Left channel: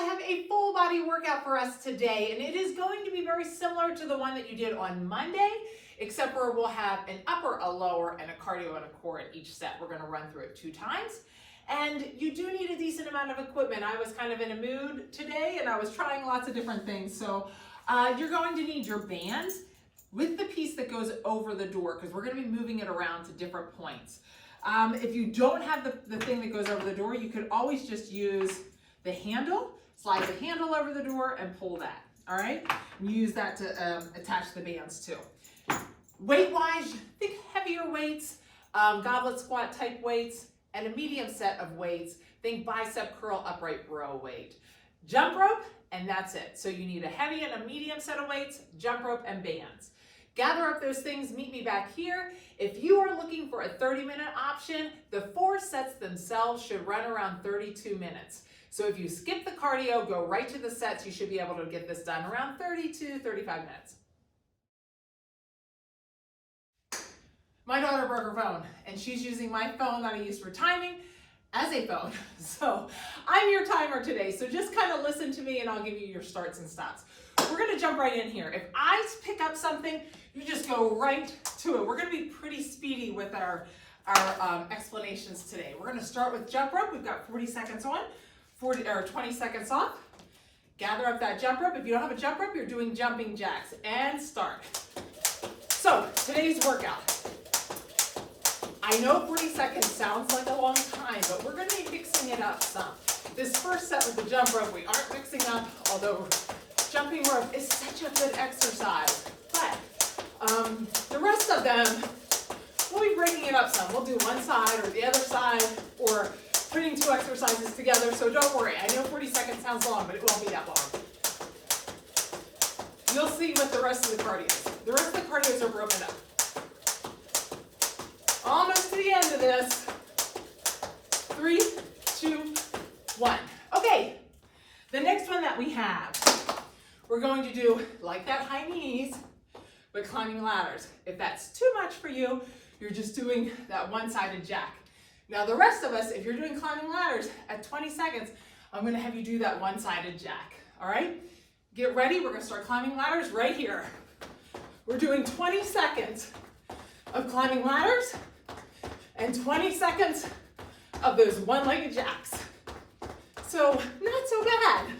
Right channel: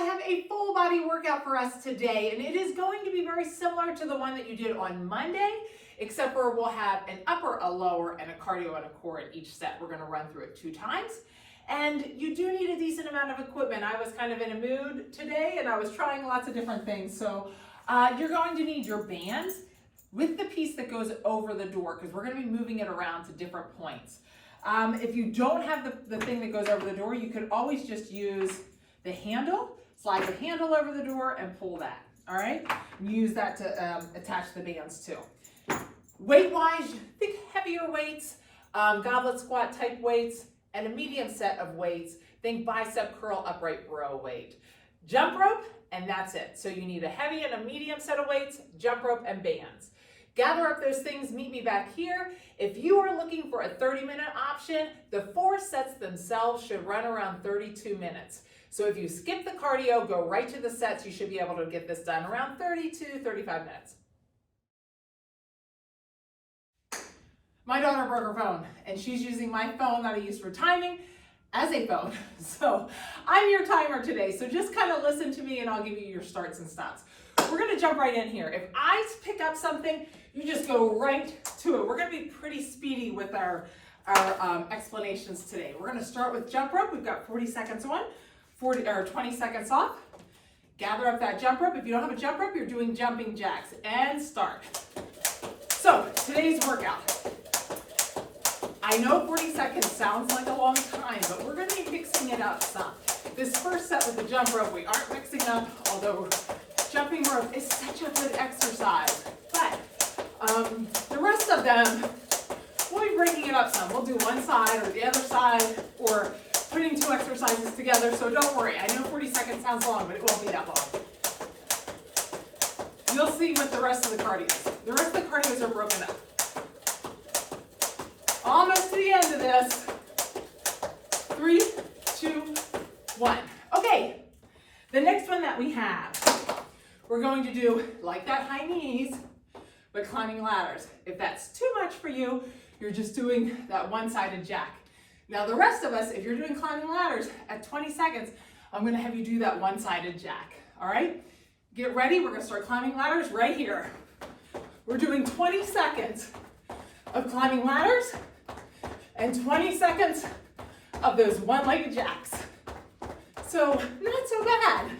I have a full body workout for us today, and it is going to be very similar to the one that you did on Monday, except for we'll have an upper, a lower, and a cardio and a core in each set. We're going to run through it 2 times. And you do need a decent amount of equipment. I was kind of in a mood today, and I was trying lots of different things. So you're going to need your bands with the piece that goes over the door, because we're going to be moving it around to different points. If you don't have the thing that goes over the door, you could always just use the handle, slide the handle over the door and pull that, all right? And use that to attach the bands too. Weight-wise, think heavier weights, goblet squat type weights, and a medium set of weights. Think bicep curl upright row weight. Jump rope, and that's it. So you need a heavy and a medium set of weights, jump rope, and bands. Gather up those things, meet me back here. If you are looking for a 30-minute option, the 4 sets themselves should run around 32 minutes. So if you skip the cardio, go right to the sets, you should be able to get this done around 32, 35 minutes. My daughter broke her phone, and she's using my phone that I use for timing as a phone. So I'm your timer today. So just kind of listen to me and I'll give you your starts and stops. We're gonna jump right in here. If I pick up something, you just go right to it. We're gonna be pretty speedy with our explanations today. We're gonna start with jump rope. We've got 40 seconds on, 20 seconds off. Gather up that jump rope. If you don't have a jump rope, you're doing jumping jacks, and start. So today's workout. I know 40 seconds sounds like a long time, but we're gonna be mixing it up some. This first set with the jump rope, we aren't mixing up, although jumping rope is such a good exercise. But the rest of them, we'll be breaking it up some. We'll do one side or the other side, or putting 2 exercises together, so don't worry. I know 40 seconds sounds long, but it won't be that long. You'll see with the rest of the cardios. The rest of the cardios are broken up. Almost to the end of this. 3, 2, 1. Okay, the next one that we have, we're going to do like that high knees, but climbing ladders. If that's too much for you, you're just doing that one-sided jack. Now the rest of us, if you're doing climbing ladders at 20 seconds, I'm gonna have you do that one-sided jack, all right? Get ready, we're gonna start climbing ladders right here. We're doing 20 seconds of climbing ladders and 20 seconds of those one-legged jacks. So not so bad.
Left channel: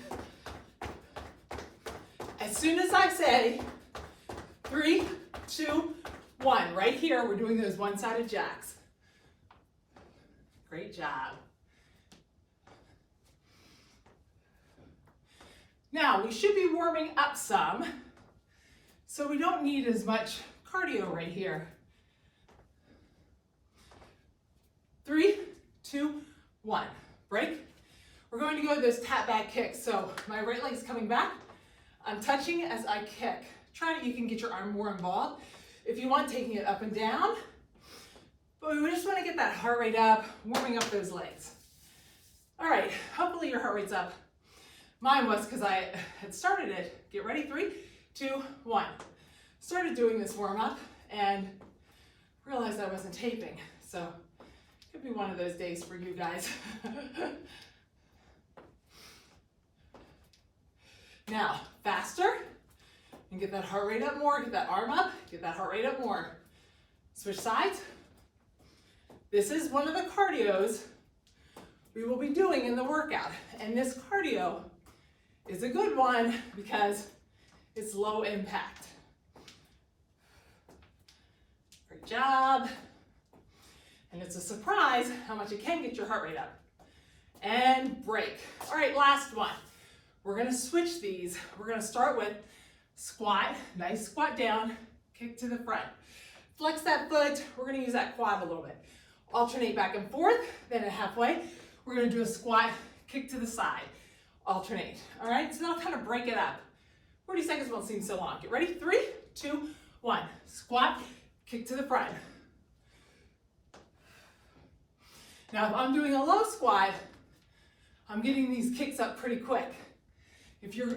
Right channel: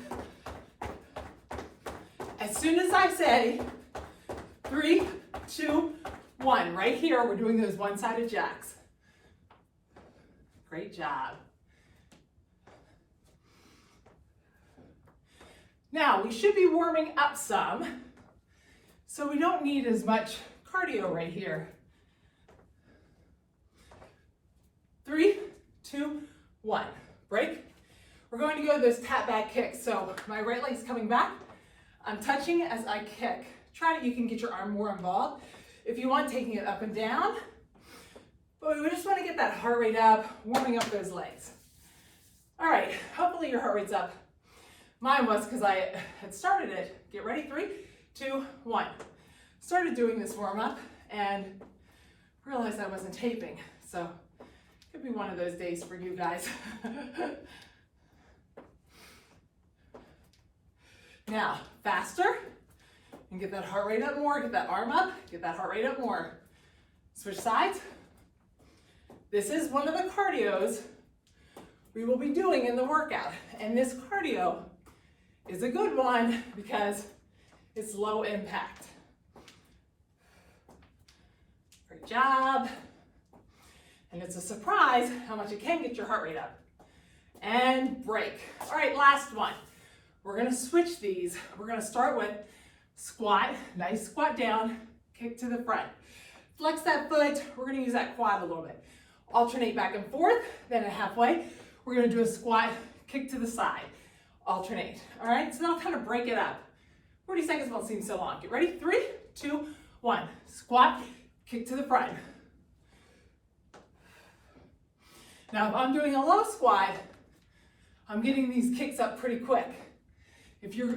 As soon as I say 3, 2, 1, right here, we're doing those one-sided jacks. Great job. Now, we should be warming up some, so we don't need as much cardio right here. 3, 2, 1, break. We're going to go to those tap back kicks. So my right leg's coming back. I'm touching as I kick. You can get your arm more involved. If you want, taking it up and down. But we just want to get that heart rate up, warming up those legs. All right, hopefully your heart rate's up. Mine was because I had started it. Get ready, 3, 2, 1. Started doing this warm up and realized I wasn't taping. So could be one of those days for you guys. Now, faster, and get that heart rate up more, get that arm up, get that heart rate up more. Switch sides. This is one of the cardios we will be doing in the workout. And this cardio is a good one because it's low impact. Great job. And it's a surprise how much it can get your heart rate up. And break. All right, last one. We're gonna switch these. We're gonna start with squat, nice squat down, kick to the front. Flex that foot, we're gonna use that quad a little bit. Alternate back and forth, then at halfway, we're gonna do a squat, kick to the side. Alternate, all right? So now kind of break it up. 40 seconds won't seem so long. Get ready, 3, 2, 1. Squat, kick to the front. Now if I'm doing a low squat, I'm getting these kicks up pretty quick.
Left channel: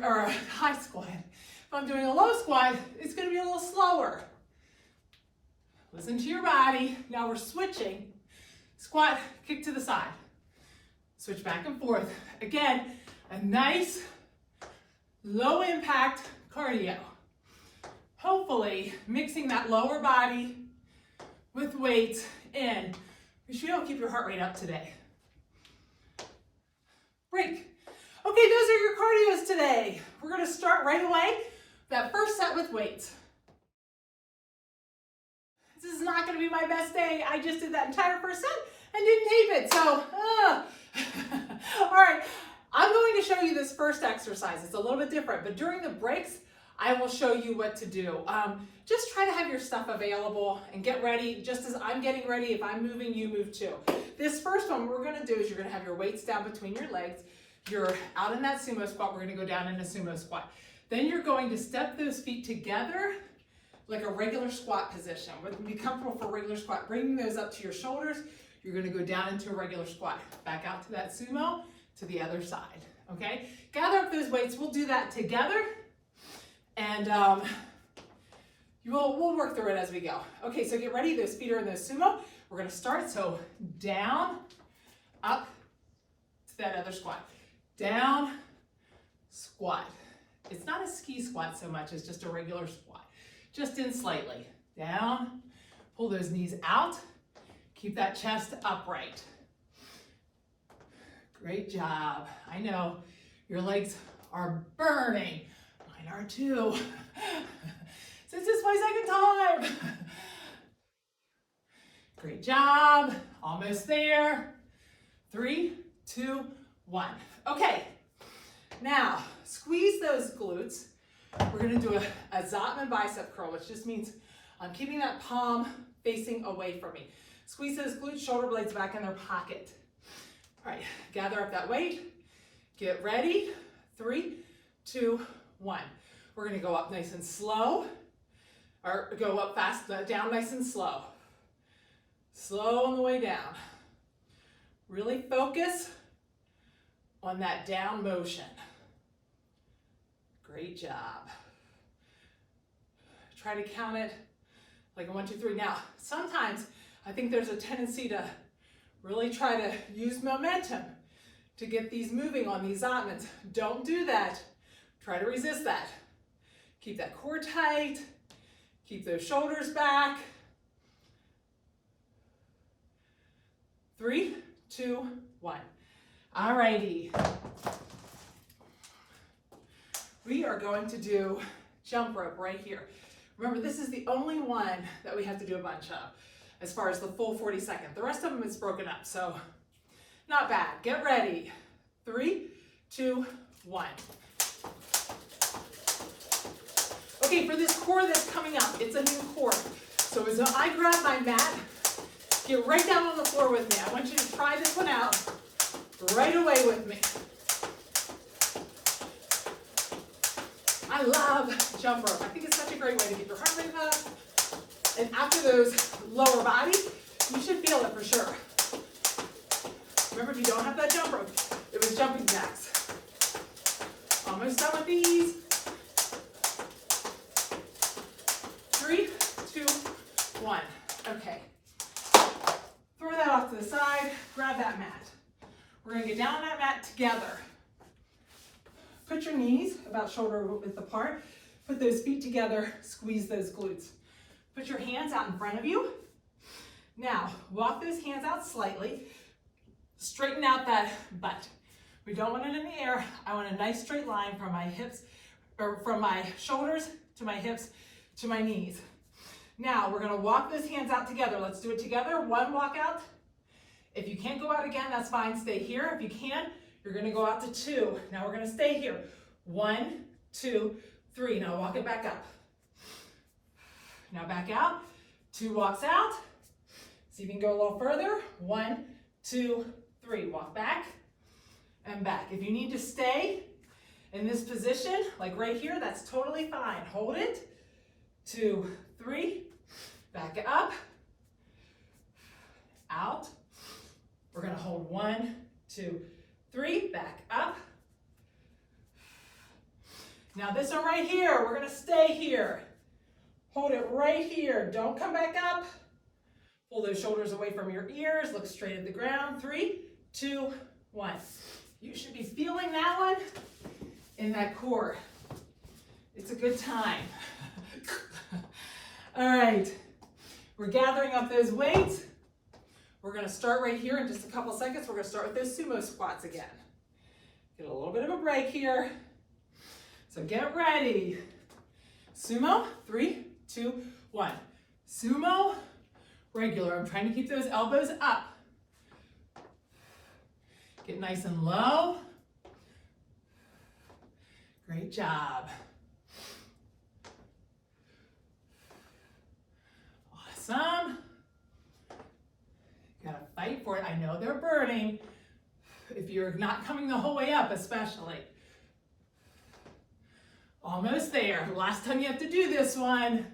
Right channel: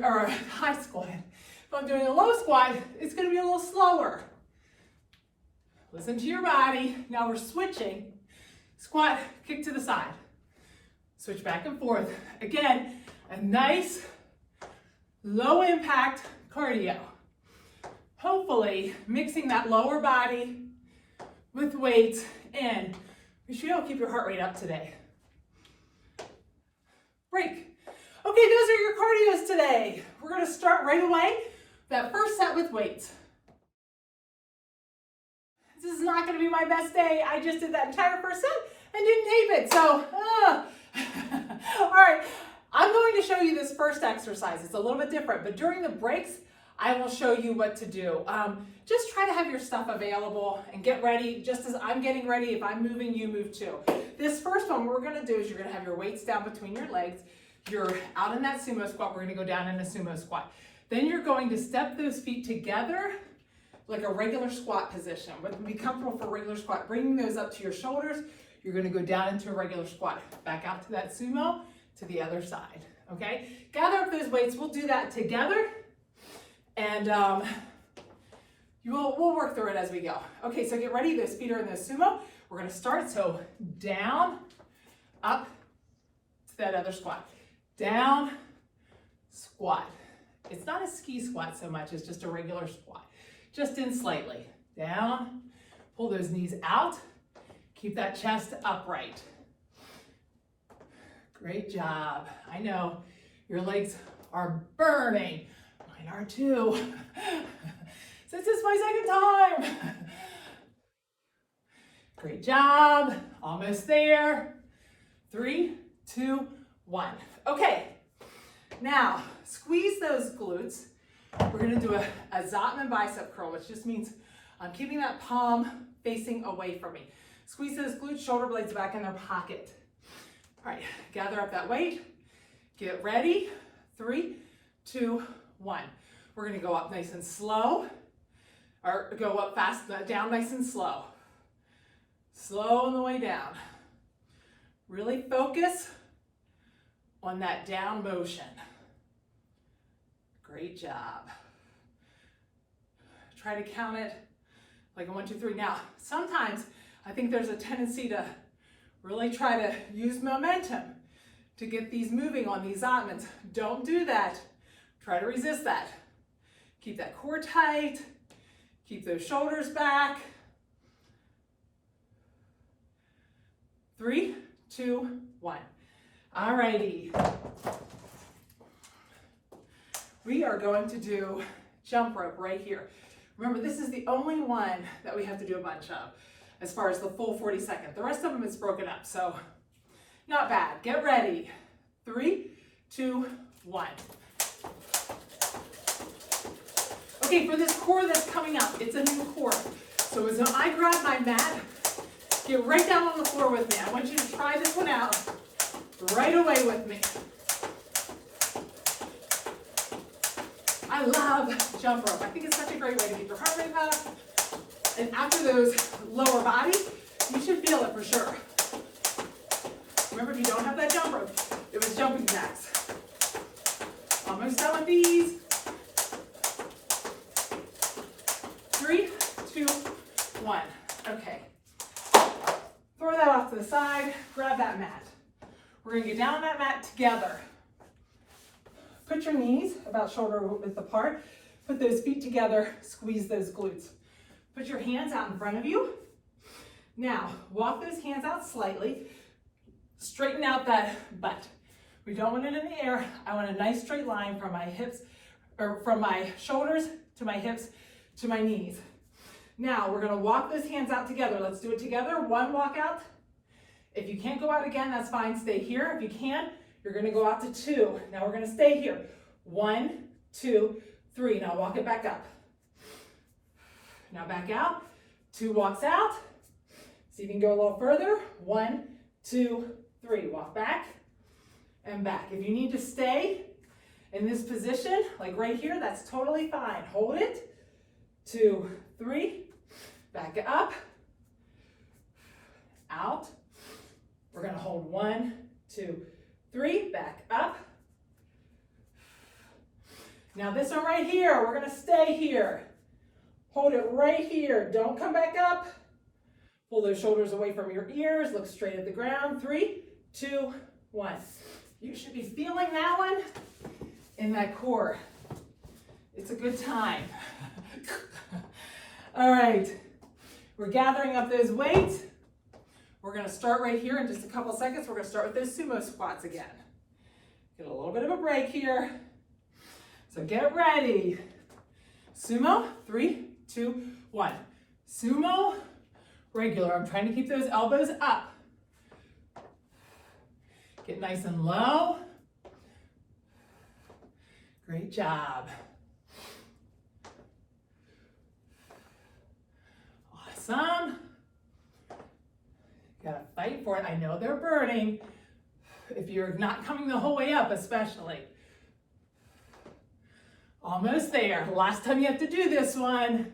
Or a high squat. If I'm doing a low squat, it's gonna be a little slower. Listen to your body. Now we're switching. Squat, kick to the side. Switch back and forth. Again, a nice low impact cardio. Hopefully mixing that lower body with weights in. Make sure you don't keep your heart rate up today. Break. Okay, those are your cardios today. We're going to start right away. That first set with weights. This is not going to be my best day. I just did that entire first set and didn't tape it. So, all right. I'm going to show you this first exercise. It's a little bit different, but during the breaks, I will show you what to do. Just try to have your stuff available and get ready. Just as I'm getting ready, if I'm moving, you move too. This first one, what we're going to do is you're going to have your weights down between your legs. You're out in that sumo squat. We're going to go down in a sumo squat. Then you're going to step those feet together like a regular squat position. But be comfortable for a regular squat. Bringing those up to your shoulders. You're going to go down into a regular squat. Back out to that sumo, to the other side. Okay? Gather up those weights. We'll do that together. And we'll work through it as we go. Okay, so get ready. Those feet are in those sumo. We're going to start. So down, up to that other squat. Down, squat. It's not a ski squat so much as just a regular squat. Just in slightly. Down, pull those knees out. Keep that chest upright. Great job. I know your legs are burning. Mine are too. Since it's my second time. Great job. Almost there. 3, 2, 1. Okay. Now, squeeze those glutes. We're going to do a Zotman bicep curl, which just means I'm keeping that palm facing away from me. Squeeze those glutes, shoulder blades back in their pocket. All right, gather up that weight. Get ready. 3, 2, 1. We're going to go up nice and slow, or go up fast, down nice and slow. Slow on the way down. Really focus on that down motion. Great job. Try to count it like a 1, 2, 3. Now, sometimes I think there's a tendency to really try to use momentum to get these moving on these Zotmans. Don't do that. Try to resist that. Keep that core tight. Keep those shoulders back. 3, 2, 1. All righty. We are going to do jump rope right here. Remember, this is the only one that we have to do a bunch of as far as the full 40 seconds. The rest of them is broken up, so not bad. Get ready. 3, 2, 1. Okay, for this core that's coming up, it's a new core. So as I grab my mat, get right down on the floor with me. I want you to try this one out right away with me. I love jump rope. I think it's such a great way to keep your heart rate up. And after those lower bodies, you should feel it for sure. Remember, if you don't have that jump rope, it was jumping jacks. Almost done with these. 3, 2, 1. Okay. Throw that off to the side. Grab that mat. We're going to get down on that mat together. Put your knees about shoulder width apart. Put those feet together. Squeeze those glutes. Put your hands out in front of you. Now, walk those hands out slightly. Straighten out that butt. We don't want it in the air. I want a nice straight line from my hips, or from my shoulders to my hips to my knees. Now, we're going to walk those hands out together. Let's do it together. 1 walk out. If you can't go out again, that's fine. Stay here. If you can, you're going to go out to 2. Now, we're going to stay here. 1, 2, 3. Now, walk it back up. Now, back out. 2 walks out. See if you can go a little further. 1, 2, 3. Walk back and back. If you need to stay in this position, like right here, that's totally fine. Hold it. 2, 3. Back up. Out. We're going to hold 1, 2, 3. Back up. Now this one right here, we're going to stay here. Hold it right here. Don't come back up. Pull those shoulders away from your ears. Look straight at the ground. 3, 2, 1. You should be feeling that one in that core. It's a good time. All right, we're gathering up those weights. We're gonna start right here in just a couple seconds. We're gonna start with those sumo squats again. Get a little bit of a break here. So get ready. Sumo, 3, 2, 1. Sumo, regular. I'm trying to keep those elbows up. Get nice and low. Great job. Awesome. You gotta fight for it. I know they're burning. If you're not coming the whole way up, especially. Almost there. Last time you have to do this one.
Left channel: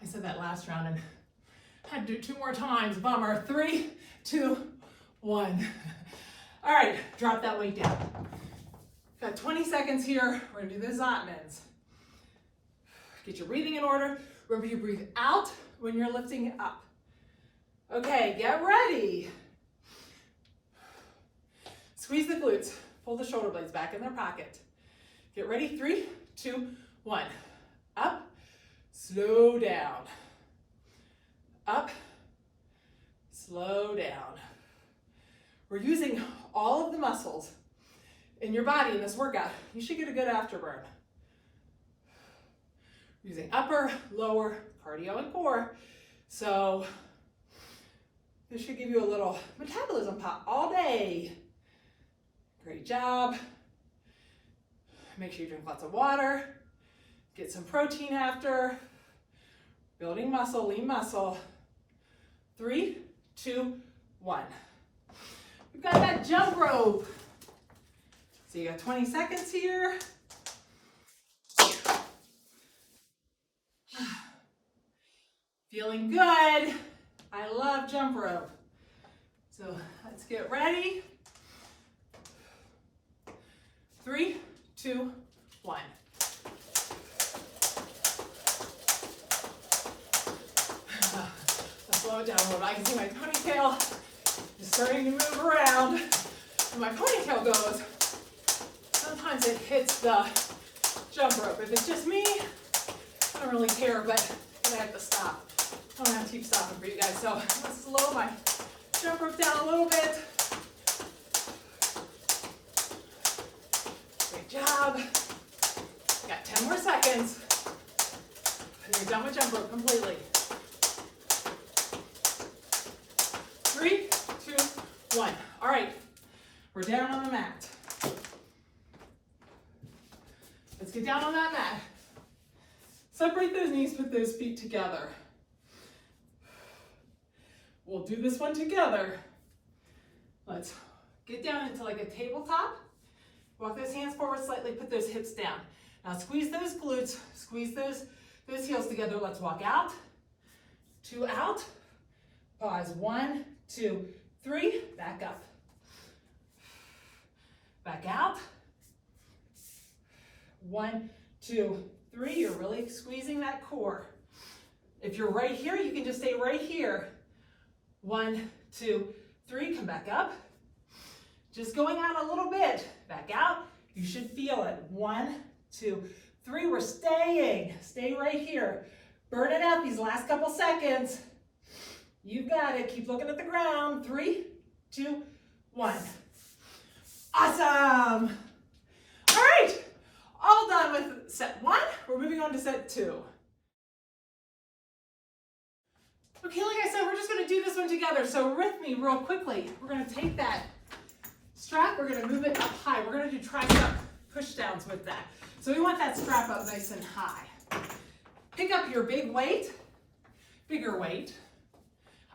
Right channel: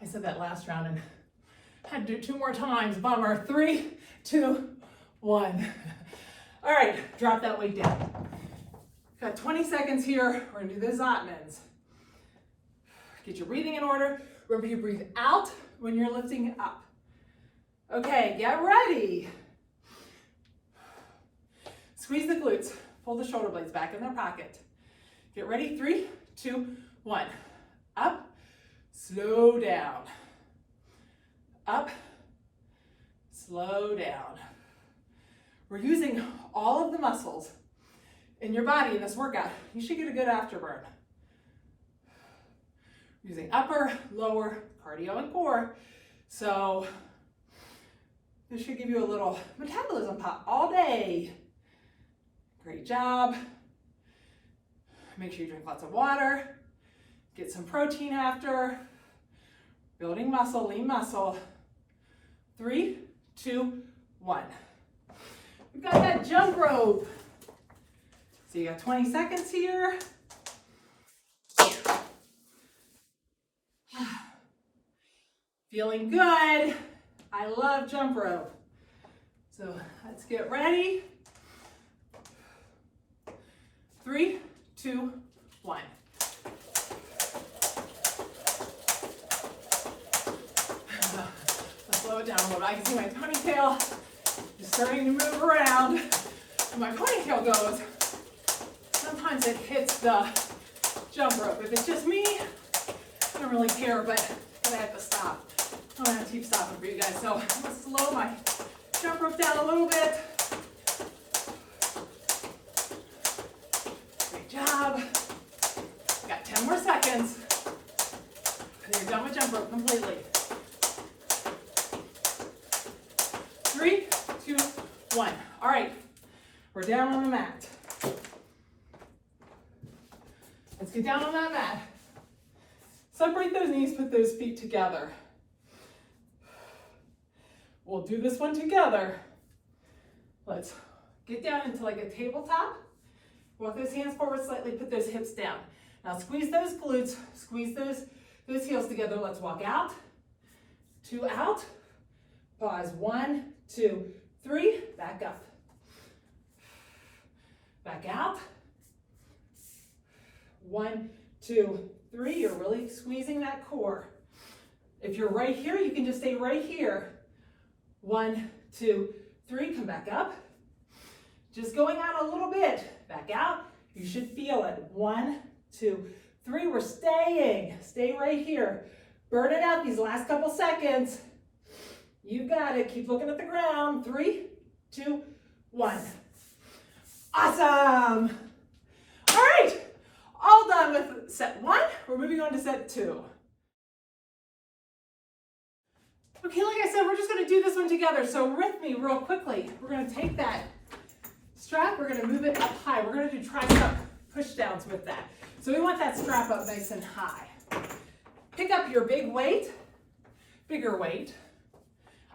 I said that last round and had to do 2 more times. Bummer. 3, 2, 1. All right, drop that weight down. Got 20 seconds here. We're gonna do the Zotmans. Get your breathing in order. Remember, you breathe out when you're lifting up. Okay, get ready. Squeeze the glutes. Pull the shoulder blades back in their pocket. Get ready, 3, 2, 1. Up, slow down. Up, slow down. We're using all of the muscles in your body in this workout. You should get a good afterburn. Using upper, lower, cardio, and core. So this should give you a little metabolism pop all day. Great job. Make sure you drink lots of water. Get some protein after. Building muscle, lean muscle. 3, 2, 1. We've got that jump rope. So you got 20 seconds here. Feeling good. I love jump rope. So let's get ready. 3, 2, 1. Let's slow it down a little bit. I can see my ponytail is starting to move around. And my ponytail goes. Sometimes it hits the jump rope. If it's just me, I don't really care, but I have to stop. I'm gonna have to keep stopping for you guys. So I'm gonna slow my jump rope down a little bit. Great job. Got 10 more seconds. And you're done with jump rope completely. 3, 2, 1. All right, we're down on the mat. Let's get down on that mat. Separate those knees, put those feet together. We'll do this one together. Let's get down into like a tabletop. Walk those hands forward slightly, put those hips down. Now squeeze those glutes, squeeze those heels together. Let's walk out, 2 out, pause, 1, 2, 3, back up. Back out, 1, 2, 3, you're really squeezing that core. If you're right here, you can just stay right here. 1, 2, 3, come back up. Just going out a little bit, back out. You should feel it. 1, 2, 3, we're staying. Stay right here. Burn it out these last couple seconds. You got it. Keep looking at the ground. 3, 2, 1. Awesome. All right. All done with set 1. We're moving on to set 2. Okay, like I said, we're just going to do this one together. So with me real quickly, we're going to take that strap, we're going to move it up high. We're going to do tricep push downs with that. So we want that strap up nice and high. Pick up your big weight, bigger weight.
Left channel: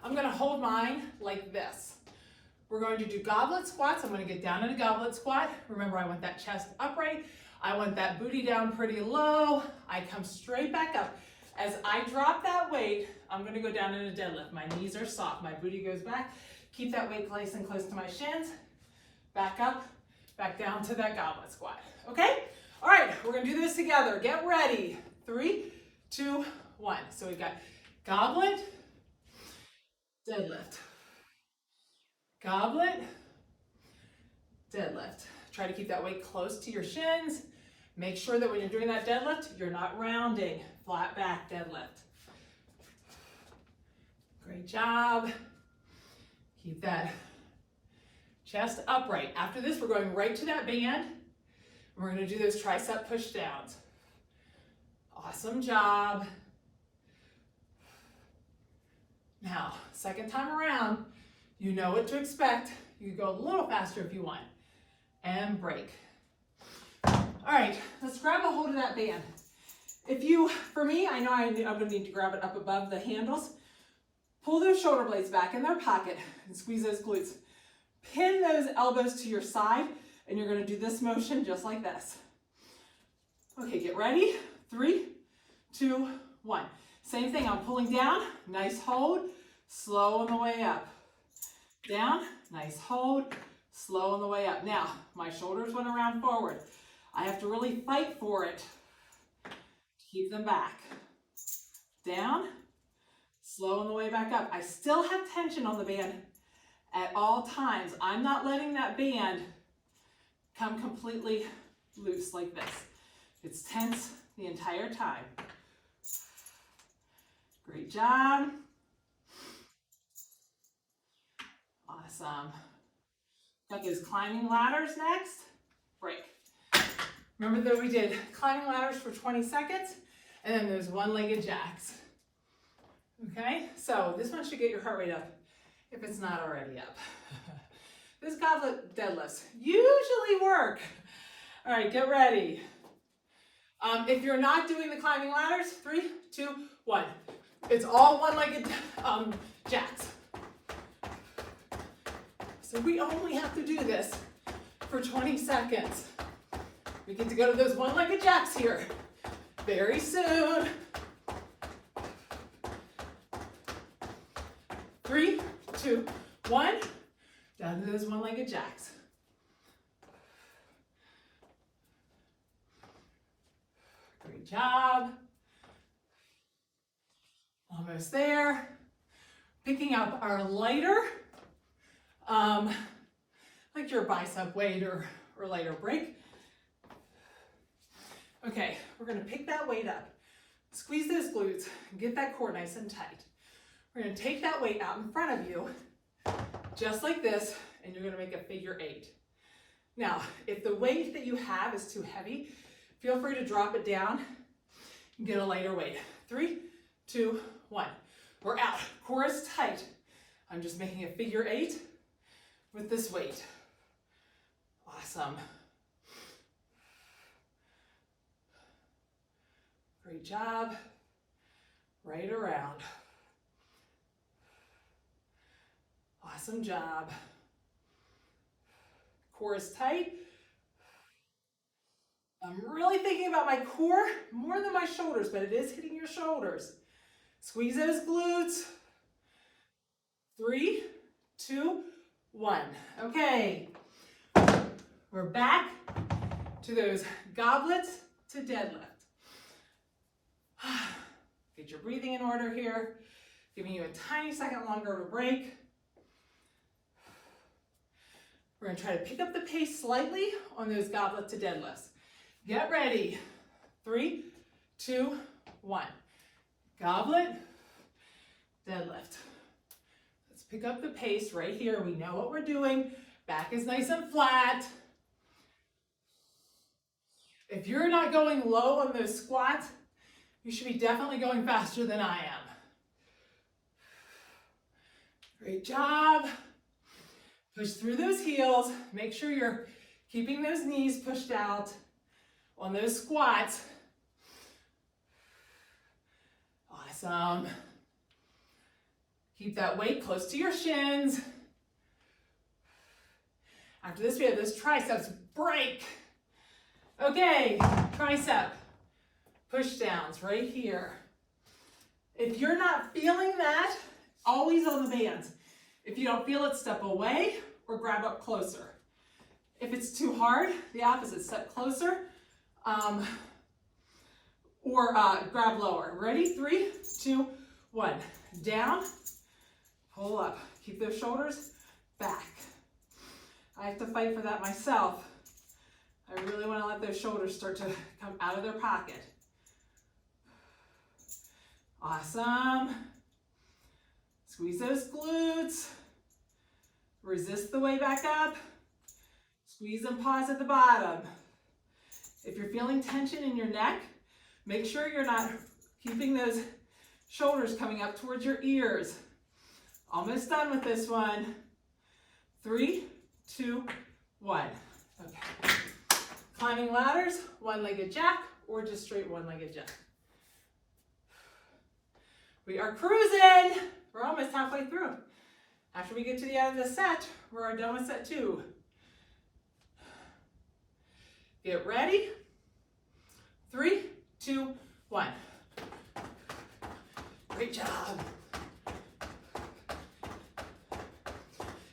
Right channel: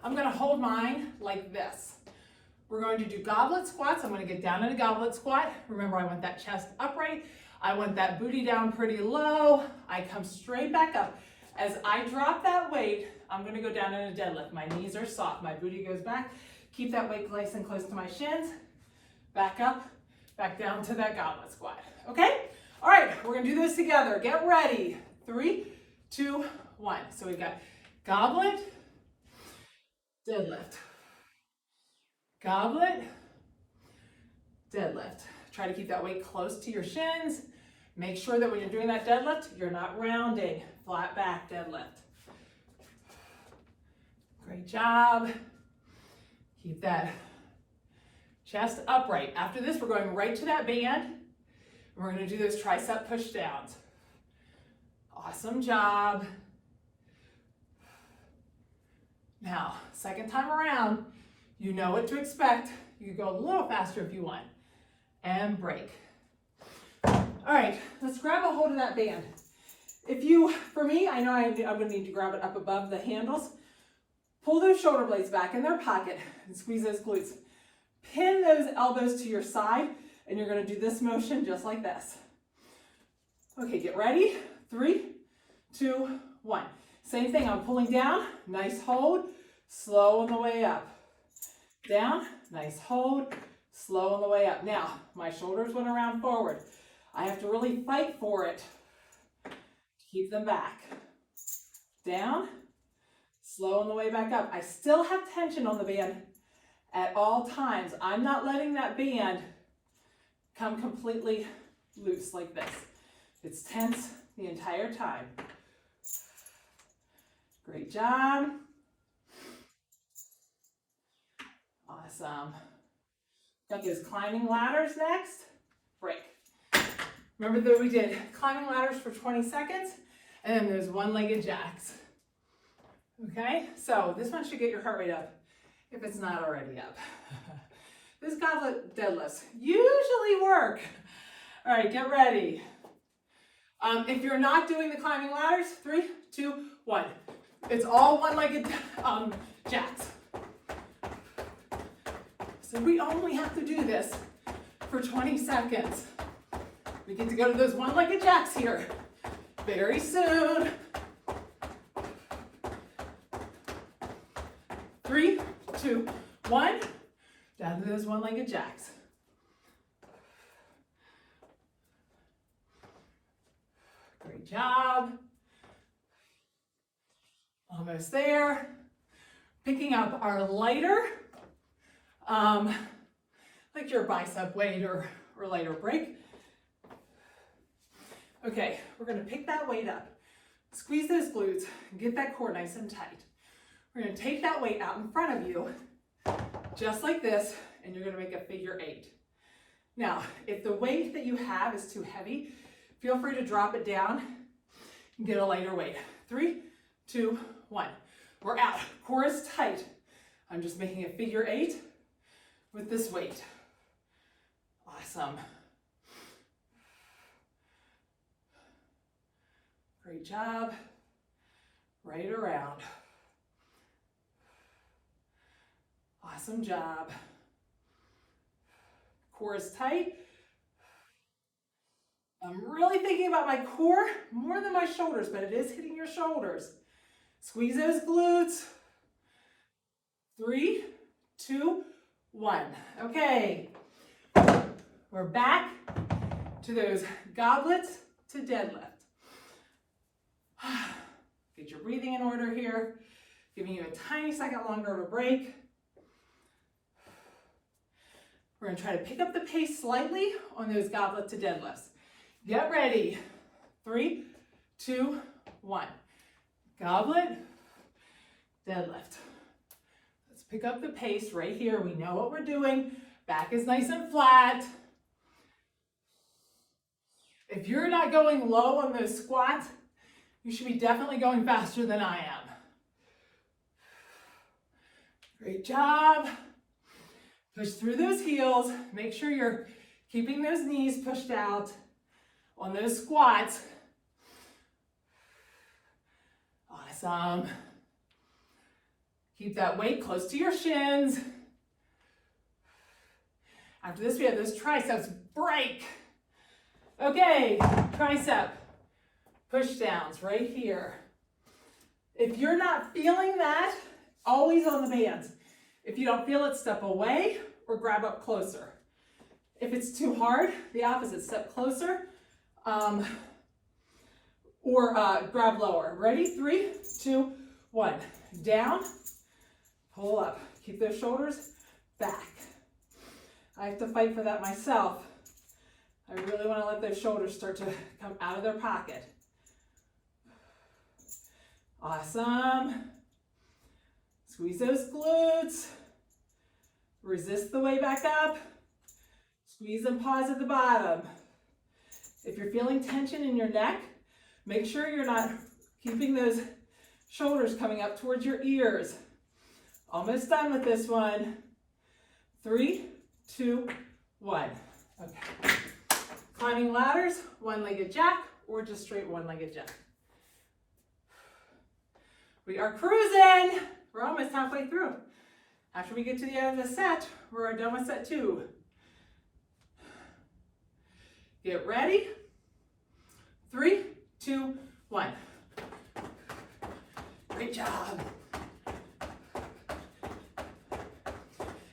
I'm going to hold mine like this. We're going to do goblet squats. I'm going to get down in a goblet squat. Remember, I want that chest upright. I want that booty down pretty low. I come straight back up. As I drop that weight, I'm going to go down in a deadlift. My knees are soft. My booty goes back. Keep that weight nice and close to my shins. Back up, back down to that goblet squat. Okay? All right, we're going to do this together. Get ready. 3, 2, 1. So we've got goblet, deadlift, goblet, deadlift. Try to keep that weight close to your shins. Make sure that when you're doing that deadlift, you're not rounding. Flat back deadlift. Great job. Keep that chest upright. After this, we're going right to that band. And we're going to do those tricep push downs. Awesome job. Now, second time around, you know what to expect. You can go a little faster if you want. And break. All right, let's grab a hold of that band. If you, for me, I know I'm going to need to grab it up above the handles. Pull those shoulder blades back in their pocket and squeeze those glutes. Pin those elbows to your side, and you're going to do this motion just like this. Okay, get ready. 3, 2, 1. Same thing, I'm pulling down, nice hold, slow on the way up. Down, nice hold, slow on the way up. Now, my shoulders went around forward. I have to really fight for it to keep them back. Down, slow on the way back up. I still have tension on the band at all times. I'm not letting that band come completely loose like this. It's tense the entire time. Great job. Awesome. Got those climbing ladders next. Break. Remember that we did climbing ladders for 20 seconds and then those one-legged jacks. Okay, so this one should get your heart rate up if it's not already up. This goblet deadlifts usually work. All right, get ready. If you're not doing the climbing ladders, 3, 2, 1. It's all one-legged jacks. So we only have to do this for 20 seconds. We get to go to those one-legged jacks here very soon. 3, 2, 1. Down to those one-legged jacks. Great job. Almost there. Picking up our lighter, like your bicep weight or lighter break. Okay, we're gonna pick that weight up. Squeeze those glutes and get that core nice and tight. We're gonna take that weight out in front of you, just like this, and you're gonna make a figure 8. Now, if the weight that you have is too heavy, feel free to drop it down and get a lighter weight. 3, 2, 1. We're out. Core is tight. I'm just making a figure 8 with this weight. Awesome. Great job. Right around. Awesome job. Core is tight. I'm really thinking about my core more than my shoulders, but it is hitting your shoulders. Squeeze those glutes. 3, 2, 1. Okay. We're back to those goblets to deadlift. Get your breathing in order here. Giving you a tiny second longer to break. We're gonna try to pick up the pace slightly on those goblet to deadlifts. Get ready. 3, 2, 1. Goblet, deadlift. Let's pick up the pace right here. We know what we're doing. Back is nice and flat. If you're not going low on those squats, you should be definitely going faster than I am. Great job. Push through those heels. Make sure you're keeping those knees pushed out on those squats. Awesome. Keep that weight close to your shins. After this, we have those triceps. Break. Okay, tricep push downs right here. If you're not feeling that, always on the bands. If you don't feel it, step away or grab up closer. If it's too hard, the opposite, step closer or grab lower. Ready? 3, 2, 1. Down, pull up. Keep those shoulders back. I have to fight for that myself. I really want to let those shoulders start to come out of their pocket. Awesome. Squeeze those glutes. Resist the way back up. Squeeze and pause at the bottom. If you're feeling tension in your neck, make sure you're not keeping those shoulders coming up towards your ears. Almost done with this one. 3, 2, 1. Okay. Climbing ladders, one-legged jack, or just straight one-legged jack. We are cruising. We're almost halfway through. After we get to the end of the set, we're done with set 2. Get ready. 3, 2, 1. Great job.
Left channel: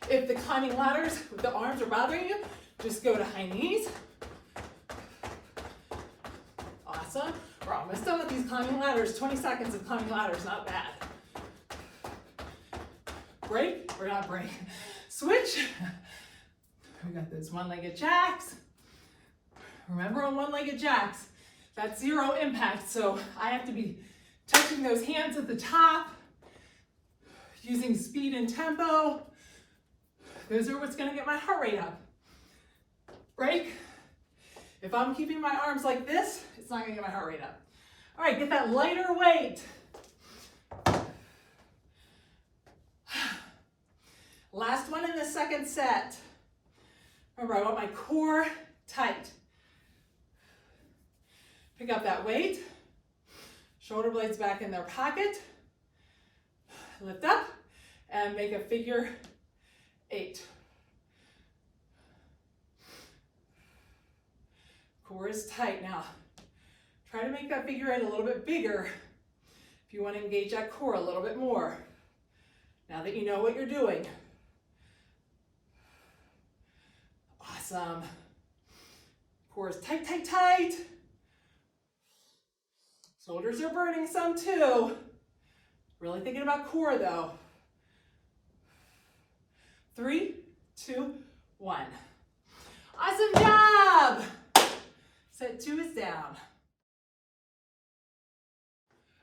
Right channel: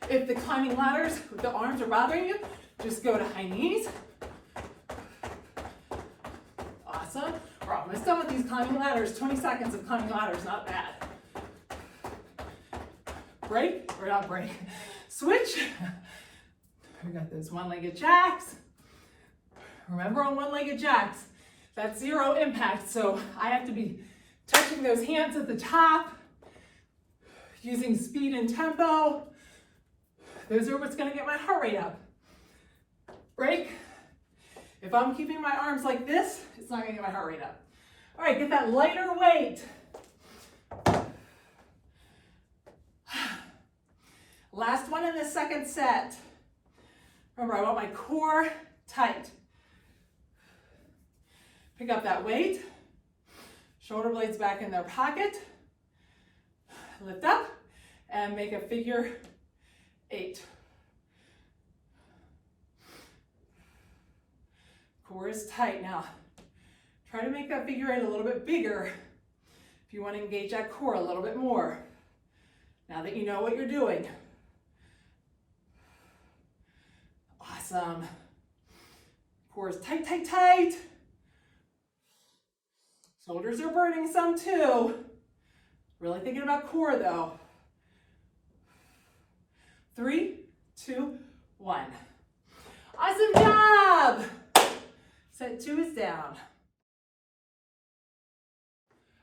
If the climbing ladders with the arms are bothering you, just go to high knees. Awesome. We're almost done with these climbing ladders. 20 seconds of climbing ladders, not bad. Break, or not break. Switch. We got those one-legged jacks. Remember on one-legged jacks, that's 0 impact, so I have to be touching those hands at the top, using speed and tempo. Those are what's gonna get my heart rate up. Break. If I'm keeping my arms like this, it's not gonna get my heart rate up. All right, get that lighter weight. Last one in the second set. Remember, I want my core tight. Pick up that weight. Shoulder blades back in their pocket. Lift up and make a figure 8. Core is tight now. Try to make that figure 8 a little bit bigger if you want to engage that core a little bit more. Now that you know what you're doing. Awesome. Core is tight, tight, tight. Shoulders are burning some too. Really thinking about core though. 3, 2, 1. Awesome job. Set 2 is down.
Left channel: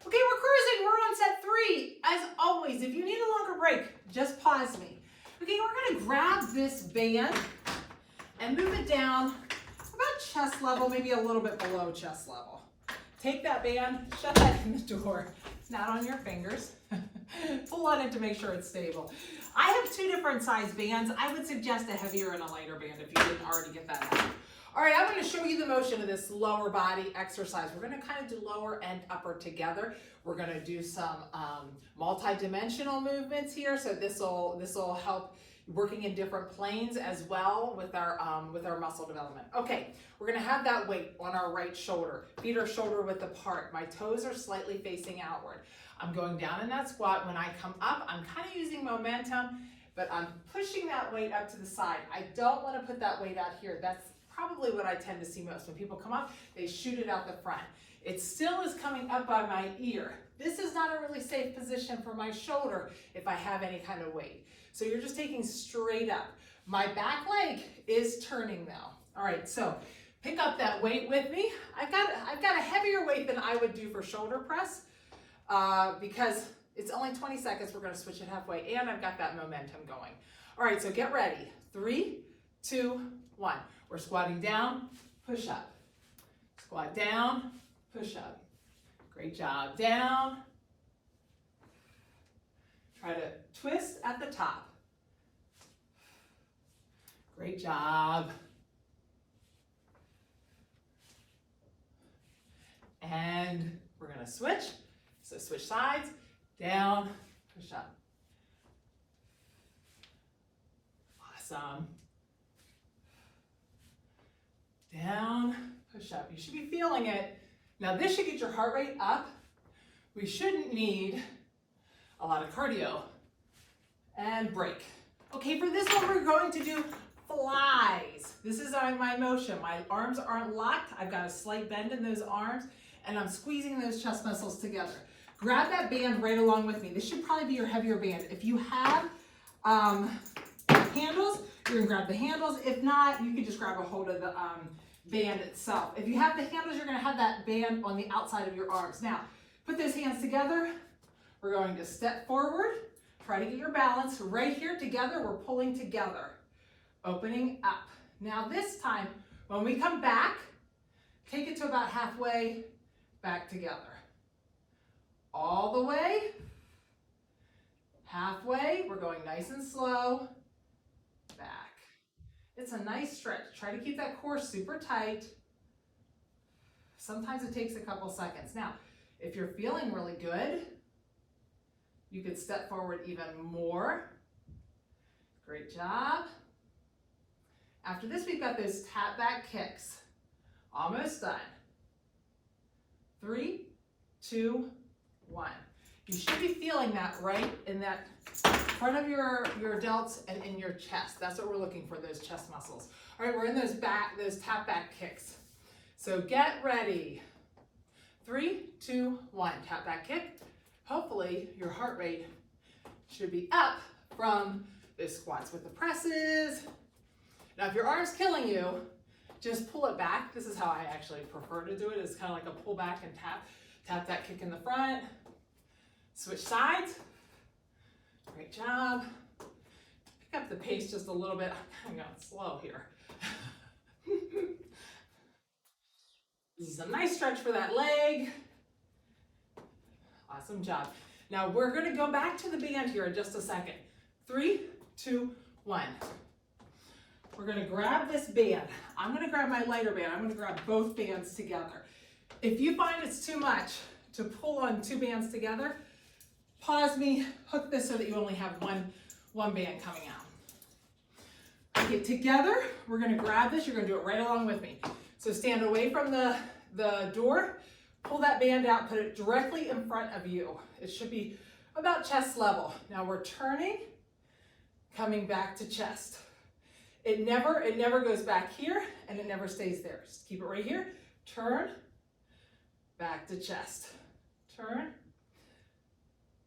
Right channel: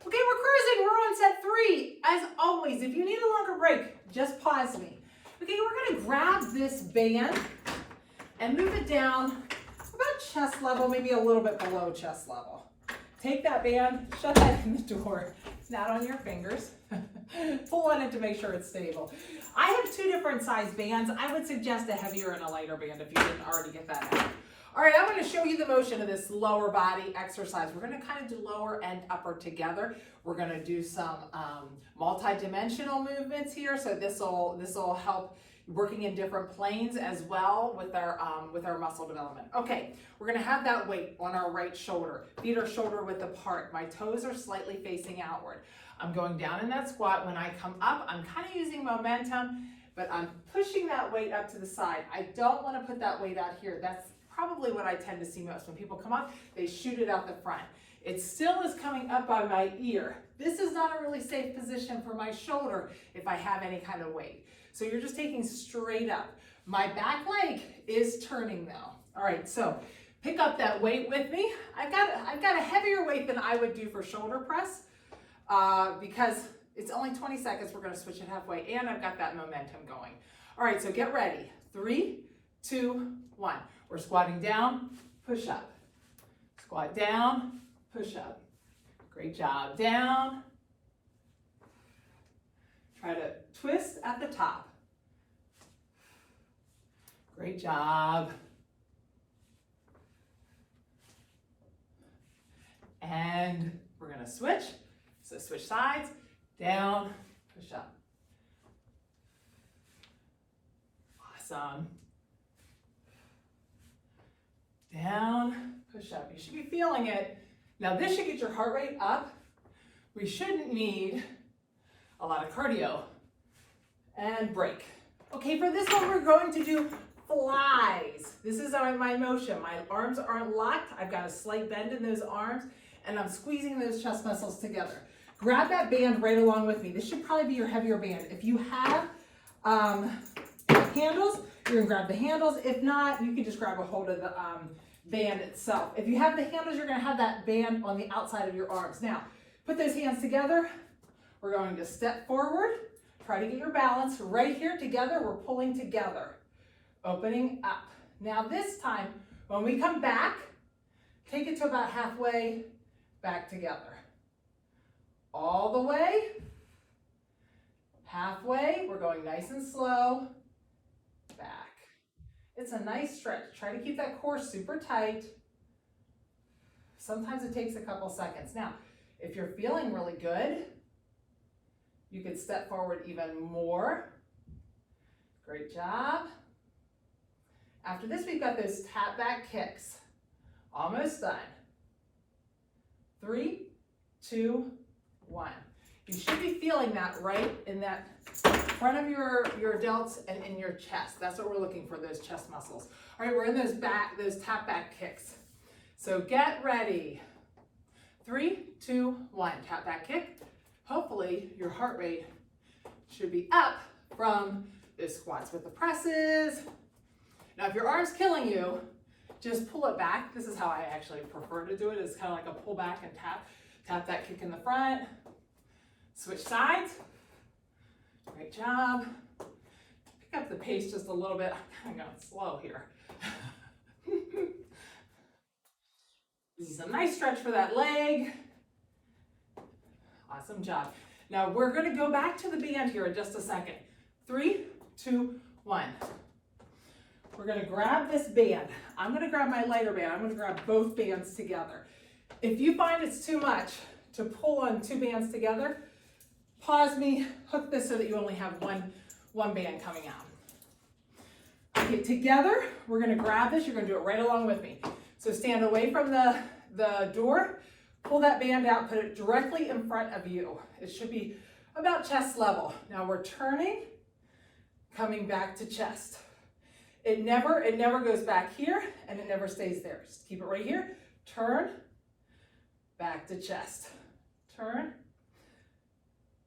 Okay, we're cruising. We're on set 3. As always, if you need a longer break, just pause me. Okay, we're gonna grab this band and move it down about chest level, maybe a little bit below chest level. Take that band, shut that in the door. It's not on your fingers. Pull on it to make sure it's stable. I have 2 different size bands. I would suggest a heavier and a lighter band if you didn't already get that out. All right, I'm going to show you the motion of this lower body exercise. We're going to kind of do lower and upper together. We're going to do some multi-dimensional movements here. So this will help working in different planes as well with our muscle development. Okay, we're going to have that weight on our right shoulder. Feet are shoulder width apart. My toes are slightly facing outward. I'm going down in that squat. When I come up, I'm kind of using momentum, but I'm pushing that weight up to the side. I don't want to put that weight out here. That's probably what I tend to see most. When people come up, they shoot it out the front. It still is coming up by my ear. This is not a really safe position for my shoulder if I have any kind of weight. So you're just taking straight up. My back leg is turning though. All right, so pick up that weight with me. I've got a heavier weight than I would do for shoulder press because it's only 20 seconds. We're gonna switch it halfway and I've got that momentum going. All right, so get ready. 3, 2, 1. We're squatting down, push up. Squat down, push up. Great job. Down. Try to twist at the top. Great job. And we're going to switch. So switch sides, down, push up. Awesome. Down, push up. You should be feeling it. Now this should get your heart rate up. We shouldn't need a lot of cardio. And break. Okay, for this one we're going to do flies. This is my motion. My arms aren't locked. I've got a slight bend in those arms and I'm squeezing those chest muscles together. Grab that band right along with me. This should probably be your heavier band. If you have handles, you're gonna grab the handles. If not, you can just grab a hold of the band itself. If you have the handles, you're gonna have that band on the outside of your arms. Now, put those hands together. We're going to step forward. Try to get your balance right here together. We're pulling together, opening up. Now this time, when we come back, take it to about halfway, back together. All the way, halfway, we're going nice and slow, back. It's a nice stretch. Try to keep that core super tight. Sometimes it takes a couple seconds. Now, if you're feeling really good, you could step forward even more. Great job. After this, we've got those tap back kicks. Almost done. 3, 2, 1. You should be feeling that right in that front of your delts and in your chest. That's what we're looking for, those chest muscles. All right, we're in those tap back kicks. So get ready. 3, 2, 1. Tap back kick. Hopefully your heart rate should be up from the squats with the presses. Now, if your arm's killing you, just pull it back. This is how I actually prefer to do it. It's kind of like a pull back and tap that kick in the front. Switch sides. Great job. Pick up the pace just a little bit. I'm kind of going slow here. This is a nice stretch for that leg. Awesome job. Now we're going to go back to the band here in just a second. 3, 2, 1. We're going to grab this band. I'm going to grab my lighter band. I'm going to grab both bands together. If you find it's too much to pull on 2 bands together, pause me, hook this so that you only have one band coming out. Okay, together, we're going to grab this. You're going to do it right along with me. So stand away from the door, pull that band out, put it directly in front of you. It should be about chest level. Now we're turning, coming back to chest. It never goes back here, and it never stays there. Just keep it right here. Turn, back to chest. Turn,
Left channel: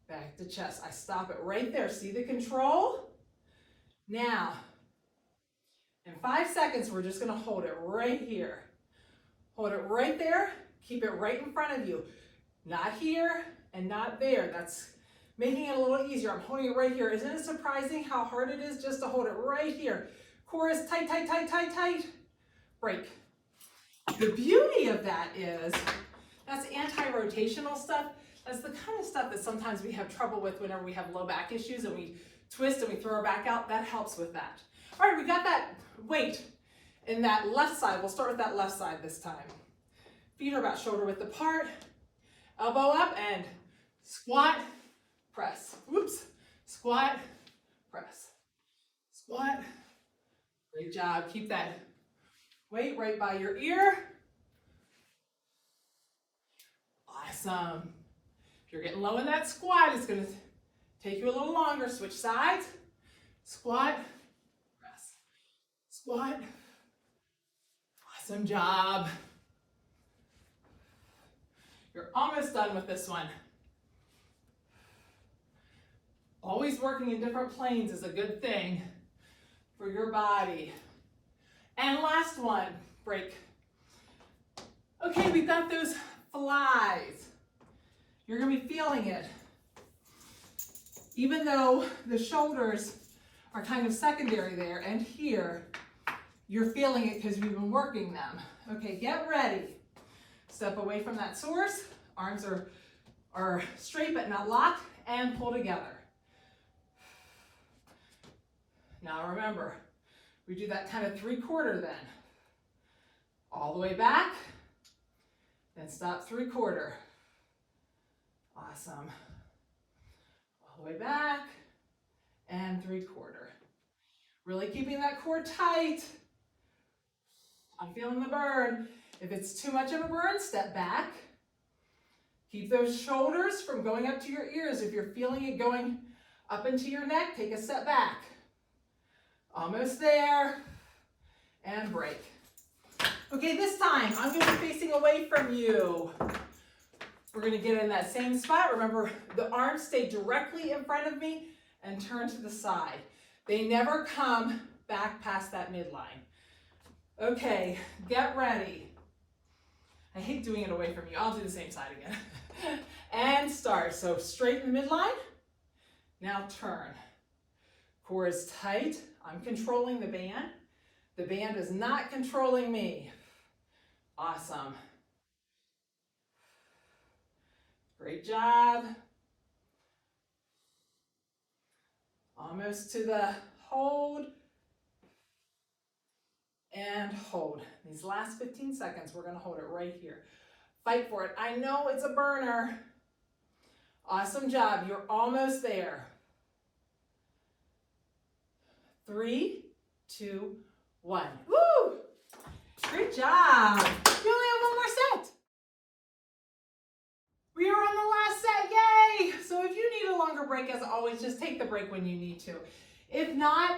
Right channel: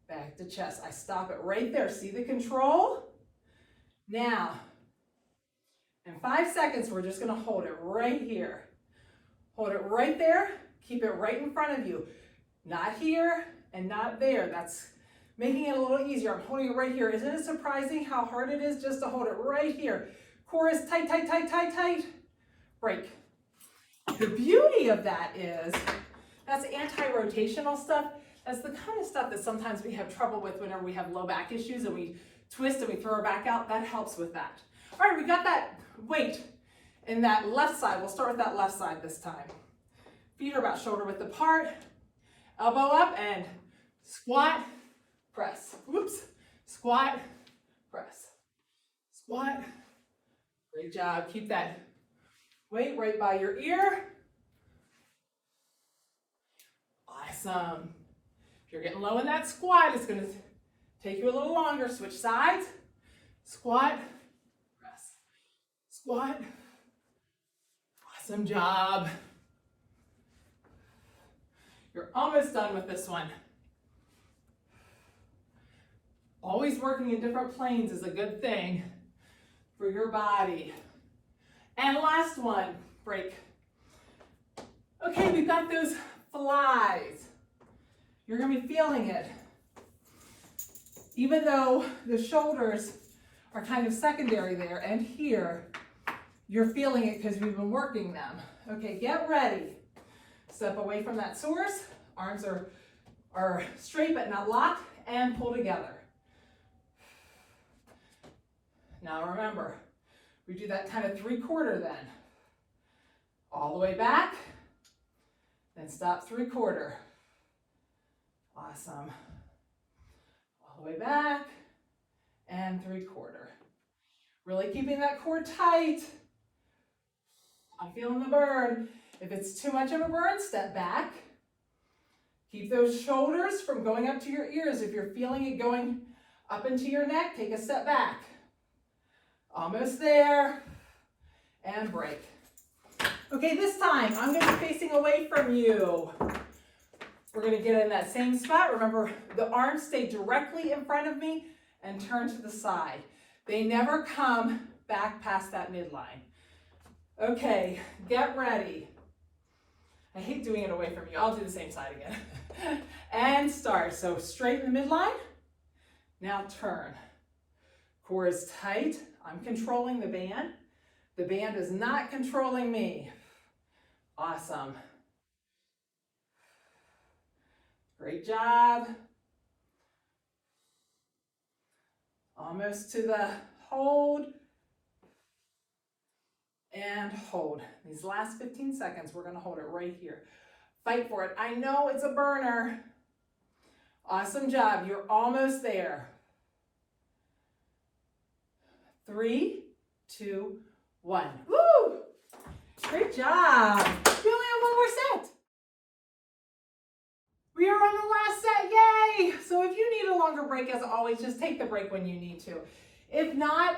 back to chest. I stop it right there. See the control? Now, in 5 seconds, we're just gonna hold it right here. Hold it right there. Keep it right in front of you. Not here and not there. That's making it a little easier. I'm holding it right here. Isn't it surprising how hard it is just to hold it right here? Core is tight, tight, tight, tight, tight. Break. The beauty of that is that's anti-rotational stuff. That's the kind of stuff that sometimes we have trouble with whenever we have low back issues and we twist and we throw our back out. That helps with that. All right, we got that weight in that left side. We'll start with that left side this time. Feet are about shoulder width apart. Elbow up and squat, press. Whoops. Squat, press. Squat. Great job. Keep that weight right by your ear. Awesome. If you're getting low in that squat, it's going to take you a little longer. Switch sides. Squat, press. Squat. Awesome job. You're almost done with this one. Always working in different planes is a good thing for your body. And last one, break. Okay, we've got those flies. You're gonna be feeling it. Even though the shoulders are kind of secondary there and here, you're feeling it because we've been working them. Okay, get ready. Step away from that source. Arms are straight but not locked, and pull together. Now remember, we do that kind of 3/4 then. All the way back, then stop 3/4. Awesome. All the way back, and 3/4. Really keeping that core tight. I'm feeling the burn. If it's too much of a burn, step back. Keep those shoulders from going up to your ears. If you're feeling it going up into your neck, take a step back. Almost there, and break. Okay, this time, I'm gonna be facing away from you. We're gonna get in that same spot. Remember, the arms stay directly in front of me and turn to the side. They never come back past that midline. Okay, get ready. I hate doing it away from you. I'll do the same side again. And start. So straight in the midline. Now turn. Core is tight. I'm controlling the band. The band is not controlling me. Awesome. Great job. Almost to the hold. And hold. These last 15 seconds, we're going to hold it right here. Fight for it. I know it's a burner. Awesome job. You're almost there. 3, 2, 1. Woo! Great job. We only have one more set. We are on the last set. Yay! So if you need a longer break, as always, just take the break when you need to. If not,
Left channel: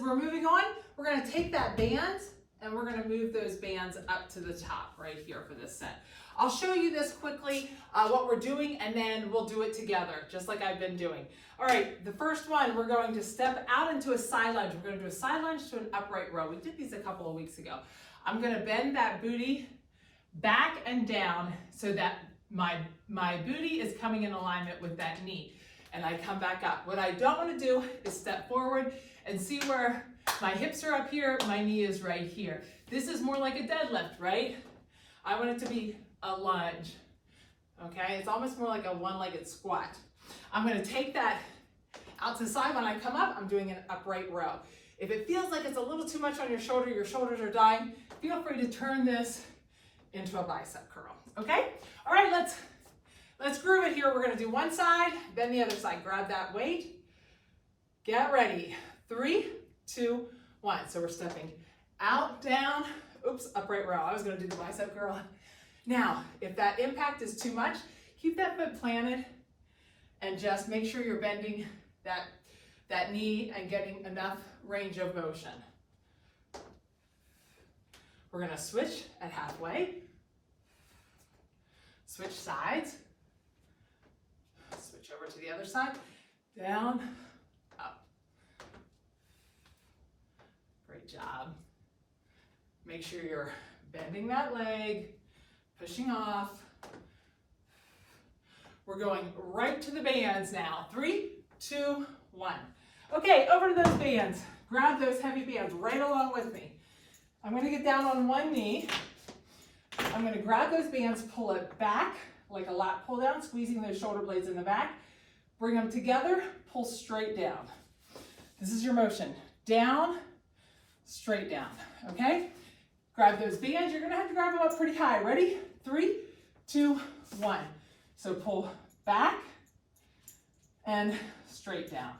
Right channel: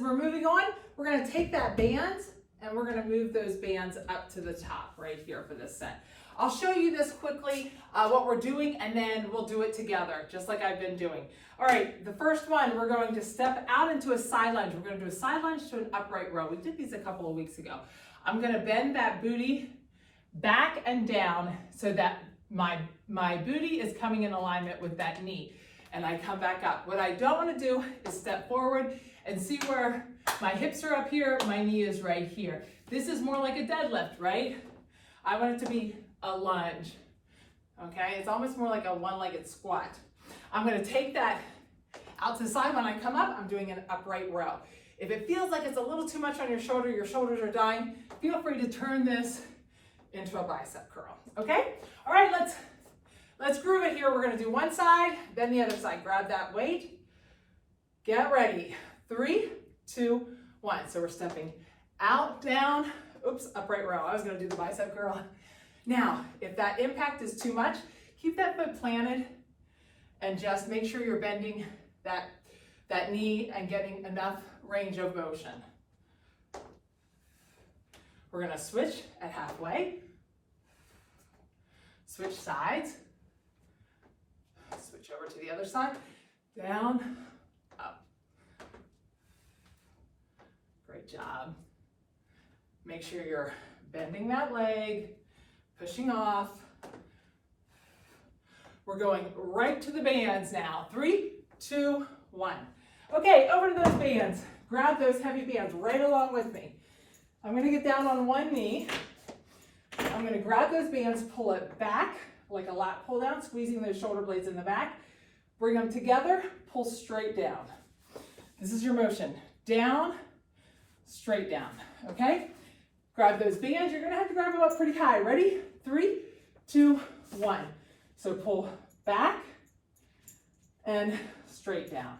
we're moving on. We're going to take that band and we're going to move those bands up to the top right here for this set. I'll show you this quickly, what we're doing, and then we'll do it together, just like I've been doing. All right, the first one, we're going to step out into a side lunge. We're going to do a side lunge to an upright row. We did these a couple of weeks ago. I'm going to bend that booty back and down so that my booty is coming in alignment with that knee. And I come back up. What I don't want to do is step forward and see where my hips are up here, my knee is right here. This is more like a deadlift, right? I want it to be a lunge, okay? It's almost more like a one-legged squat. I'm gonna take that out to the side. When I come up, I'm doing an upright row. If it feels like it's a little too much on your shoulders are dying, feel free to turn this into a bicep curl, okay? All right, let's groove it here. We're gonna do one side, then the other side. Grab that weight, get ready. 3, 2, 1. So we're stepping out, down, oops, upright row. I was gonna do the bicep curl. Now, if that impact is too much, keep that foot planted and just make sure you're bending that knee and getting enough range of motion. We're gonna switch at halfway. Switch sides. Switch over to the other side. Down, up. Great job. Make sure you're bending that leg, pushing off. We're going right to the bands now. 3, 2, 1. Okay, over to those bands. Grab those heavy bands right along with me. I'm gonna get down on one knee. I'm gonna grab those bands, pull it back like a lat pull down, squeezing those shoulder blades in the back. Bring them together, pull straight down. This is your motion. Down, straight down, okay? Grab those bands. You're gonna have to grab them up pretty high. Ready? 3, 2, 1. So pull back and straight down.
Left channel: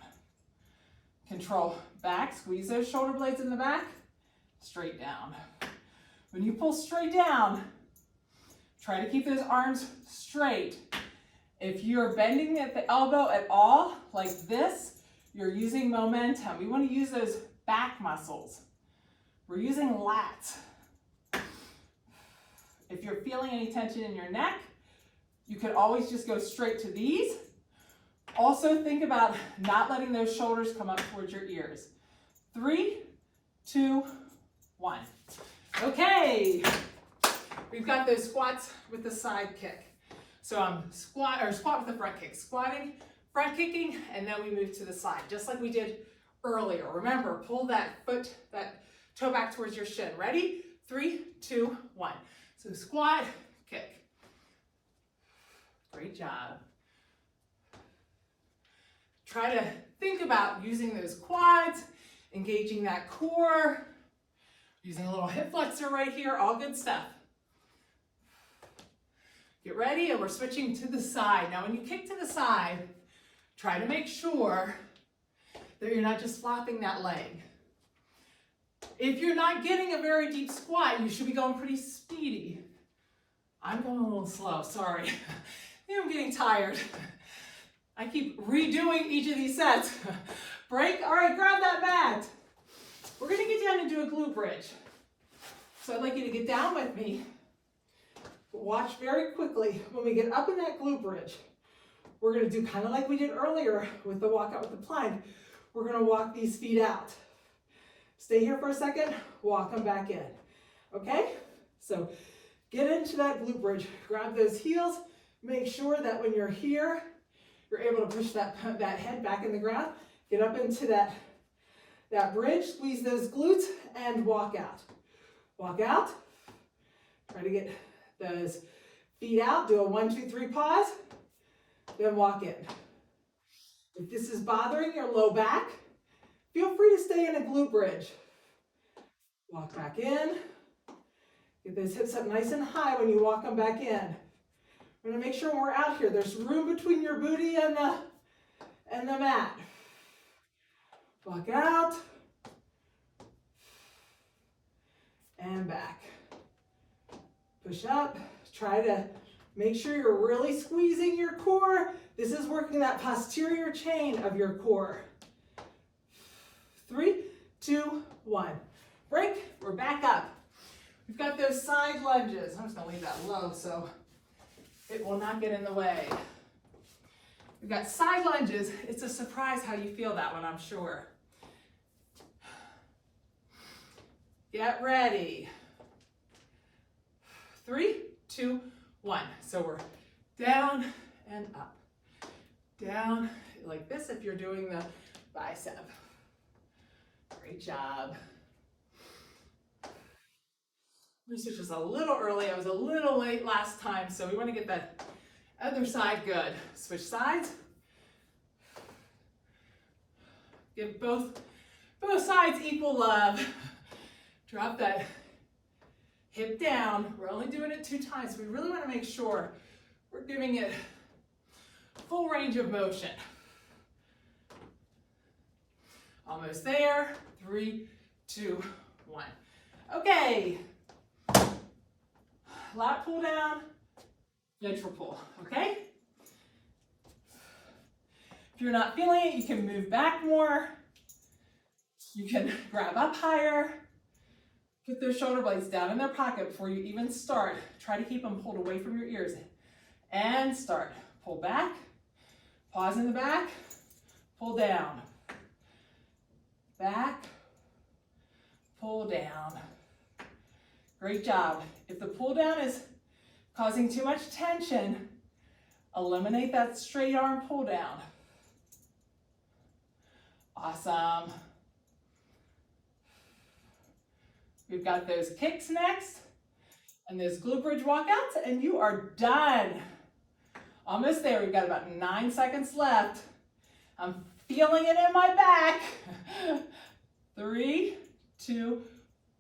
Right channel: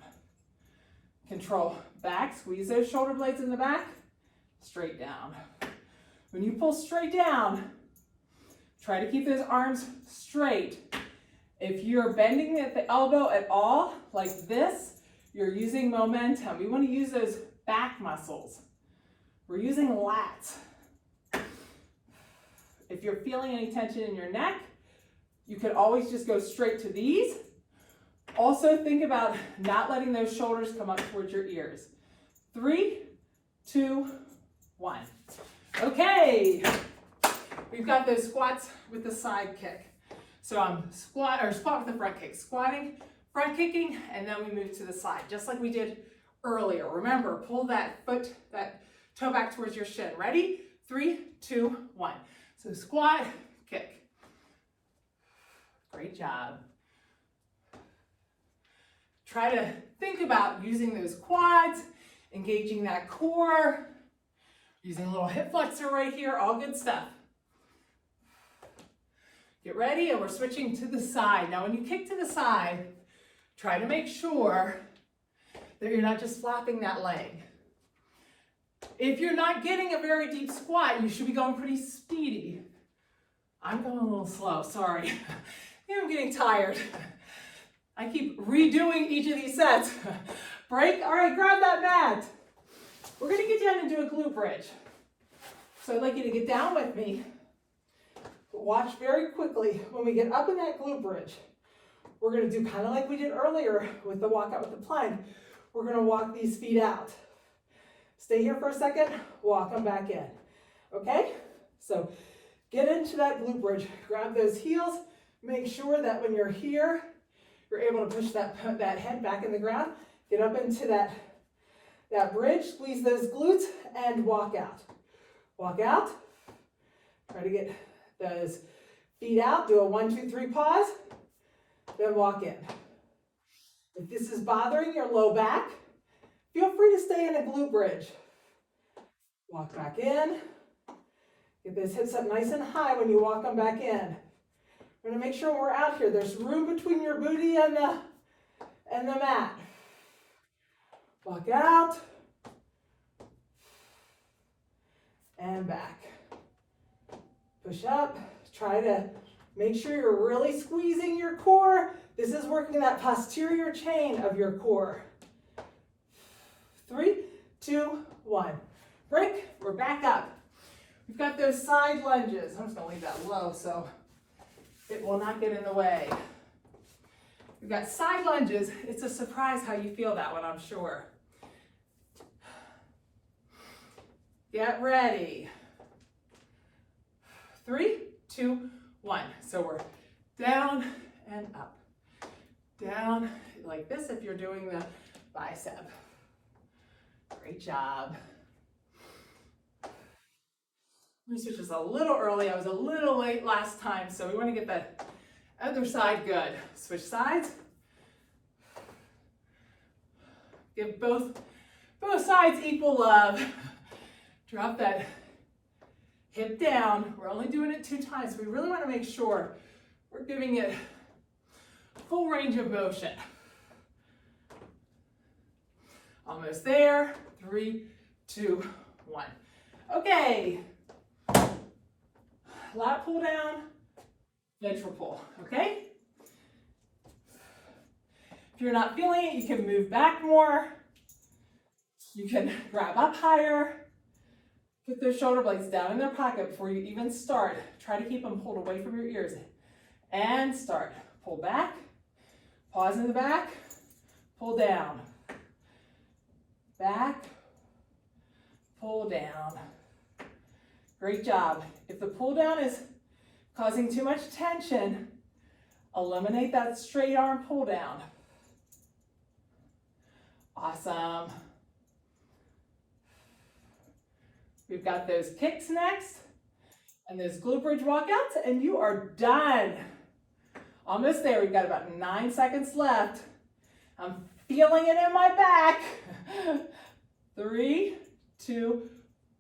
Control back, squeeze those shoulder blades in the back, straight down. When you pull straight down, try to keep those arms straight. If you're bending at the elbow at all, like this, you're using momentum. We want to use those back muscles. We're using lats. If you're feeling any tension in your neck, you could always just go straight to these. Also think about not letting those shoulders come up towards your ears. 3, 2, 1. Okay, we've got those squats with the side kick. So I'm squat with the front kick, squatting, front kicking, and then we move to the side, just like we did earlier. Remember, pull that foot, that toe back towards your shin. Ready? 3, 2, 1. So squat, kick. Great job. Try to think about using those quads, engaging that core, using a little hip flexor right here, all good stuff. Get ready, and we're switching to the side. Now, when you kick to the side, try to make sure that you're not just flopping that leg. If you're not getting a very deep squat, you should be going pretty speedy. I'm going a little slow, sorry. I'm getting tired. I keep redoing each of these sets. Break, all right, grab that mat. We're gonna get down and do a glute bridge. So I'd like you to get down with me. Watch very quickly. When we get up in that glute bridge, we're gonna do kind of like we did earlier with the walkout with the plank. we're gonna walk these feet out. Stay here for a second, walk them back in, okay? So get into that glute bridge, grab those heels, make sure that when you're here, you're able to push that head back in the ground, get up into that bridge, squeeze those glutes, and walk out. Walk out, try to get those feet out, do a 1, 2, 3 pause, then walk in. If this is bothering your low back, feel free to stay in a glute bridge. Walk back in. Get those hips up nice and high when you walk them back in. We're gonna make sure when we're out here, there's room between your booty and the mat. Walk out. And back. Push up. Try to make sure you're really squeezing your core. This is working that posterior chain of your core. 3, 2, 1. Break, we're back up. We've got those side lunges. I'm just gonna leave that low so it will not get in the way. We've got side lunges. It's a surprise how you feel that one, I'm sure. Get ready. 3, 2, 1. So we're down and up. Down like this if you're doing the bicep. Great job. Research is a little early. I was a little late last time, so we want to get that other side good. Switch sides. Give both sides equal love. Drop that hip down. We're only doing it 2 times. We really want to make sure we're giving it full range of motion. Almost there. 3, 2, 1. Okay. Lat pull down, ventral pull, okay? If you're not feeling it, you can move back more. You can grab up higher. Put those shoulder blades down in their pocket before you even start. Try to keep them pulled away from your ears. And start. Pull back, pause in the back, pull down. Back, pull down. Great job. If the pull down is causing too much tension, eliminate that straight arm pull down. Awesome. We've got those kicks next and those glute bridge walkouts, and you are done. Almost there. We've got about 9 seconds left. I'm feeling it in my back. 3, 2,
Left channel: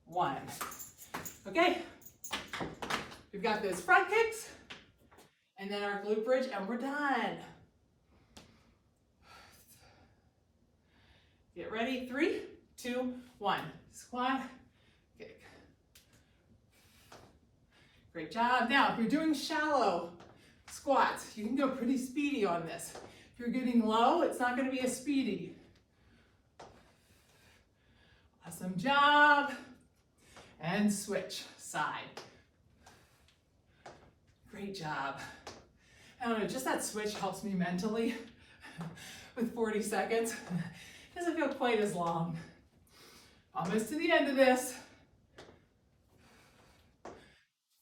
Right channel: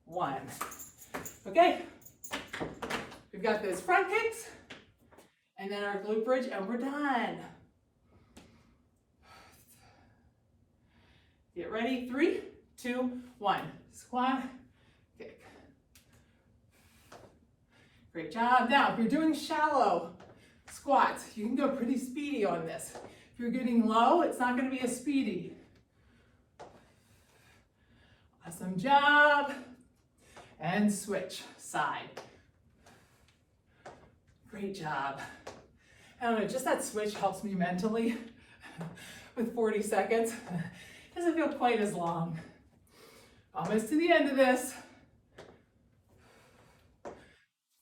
1. Okay, we've got those front kicks and then our glute bridge, and we're done. Get ready, 3, 2, 1. Squat, kick. Great job. Now, if you're doing shallow squats, you can go pretty speedy on this. If you're getting low, it's not going to be as speedy. Awesome job. And switch side. Great job. I don't know, just that switch helps me mentally with 40 seconds. Doesn't feel quite as long. Almost to the end of this.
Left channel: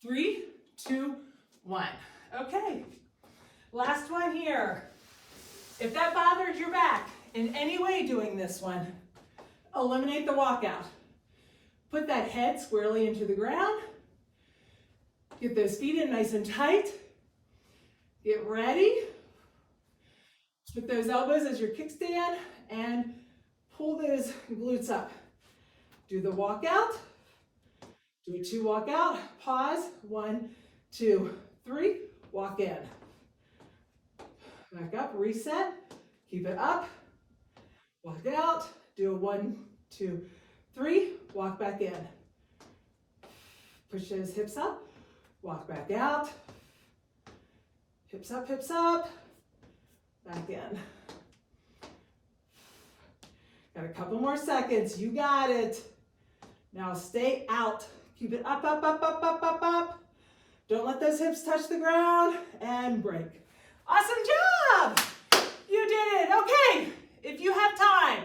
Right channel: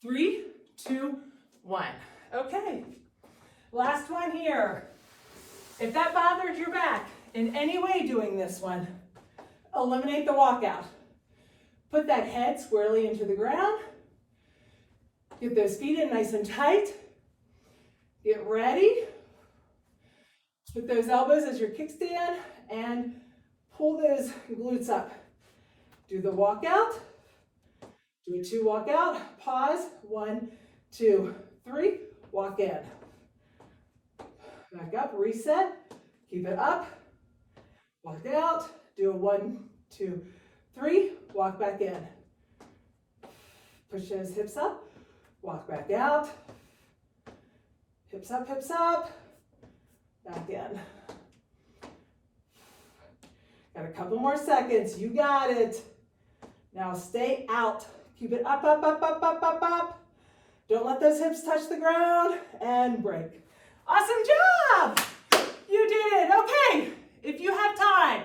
3, 2, 1. Okay, last one here. If that bothers your back in any way doing this one, eliminate the walkout. Put that head squarely into the ground. Get those feet in nice and tight. Get ready. Put those elbows as your kickstand and pull those glutes up. Do the walkout. Do a 2 walkout. Pause. 1, 2, 3. Walk in. Back up. Reset. Keep it up. Walk out. Do a 1, 2, 3. Walk back in. Push those hips up. Walk back out. Hips up, hips up. Back in. Got a couple more seconds. You got it. Now stay out. Keep it up, up, up, up, up, up, up. Don't let those hips touch the ground. And break. Awesome job. You did it. Okay. If you have time,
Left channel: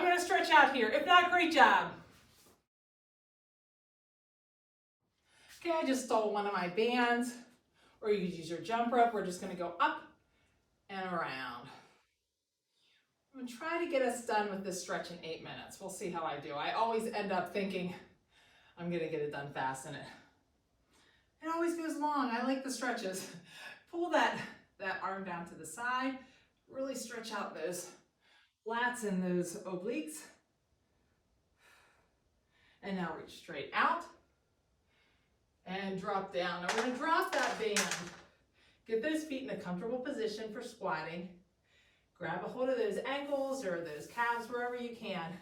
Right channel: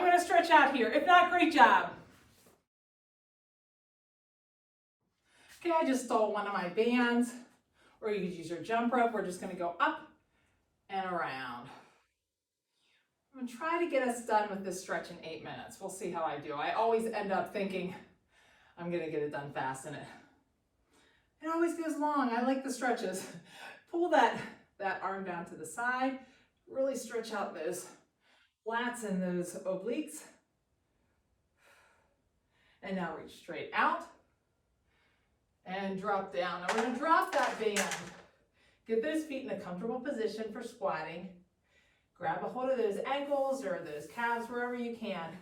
I'm gonna stretch out here. If not, great job. Okay, I just stole one of my bands, or you could use your jump rope. We're just gonna go up and around. I'm gonna try to get us done with this stretch in 8 minutes. We'll see how I do. I always end up thinking I'm gonna get it done fast, and it always goes long. I like the stretches. Pull that arm down to the side. Really stretch out those lats and those obliques. And now reach straight out and drop down. Now we're gonna drop that band. Get those feet in a comfortable position for squatting. Grab a hold of those ankles or those calves, wherever you can.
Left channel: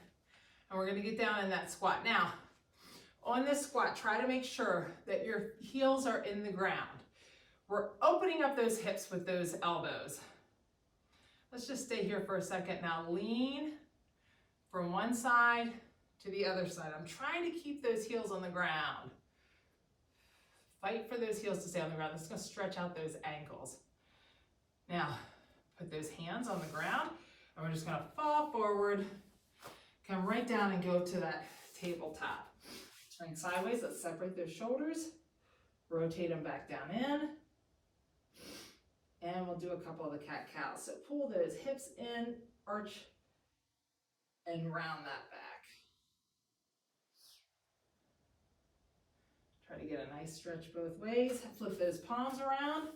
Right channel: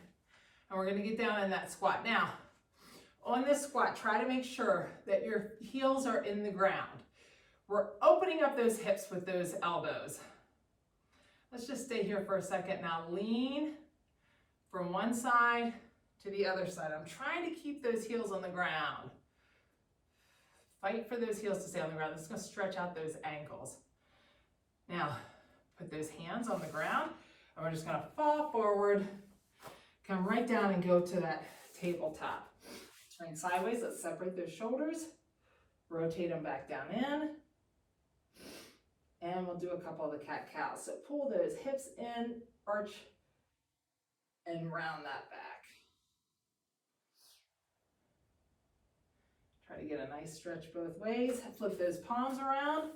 And we're gonna get down in that squat. Now, on this squat, try to make sure that your heels are in the ground. We're opening up those hips with those elbows. Let's just stay here for a second. Now lean from one side to the other side. I'm trying to keep those heels on the ground. Fight for those heels to stay on the ground. This is gonna stretch out those ankles. Now, put those hands on the ground, and we're just gonna fall forward, come right down and go to that tabletop. Turn sideways, let's separate those shoulders, rotate them back down in, and we'll do a couple of the cat-cows. So pull those hips in, arch, and round that back. Try to get a nice stretch both ways. Flip those palms around,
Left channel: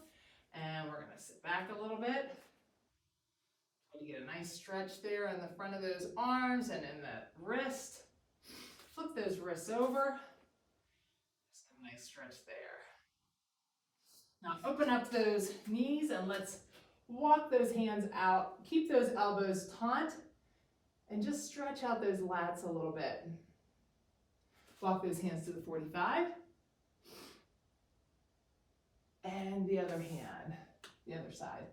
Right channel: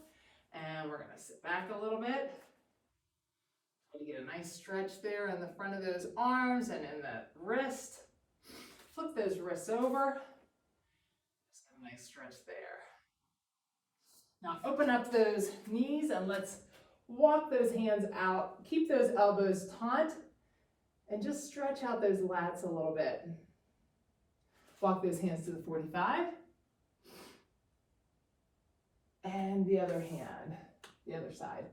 and we're gonna sit back a little bit. Try to get a nice stretch there in the front of those arms and in the wrist. Flip those wrists over. Just a nice stretch there. Now open up those knees and let's walk those hands out. Keep those elbows taut and just stretch out those lats a little bit. Walk those hands to the 45. And the other hand, the other side.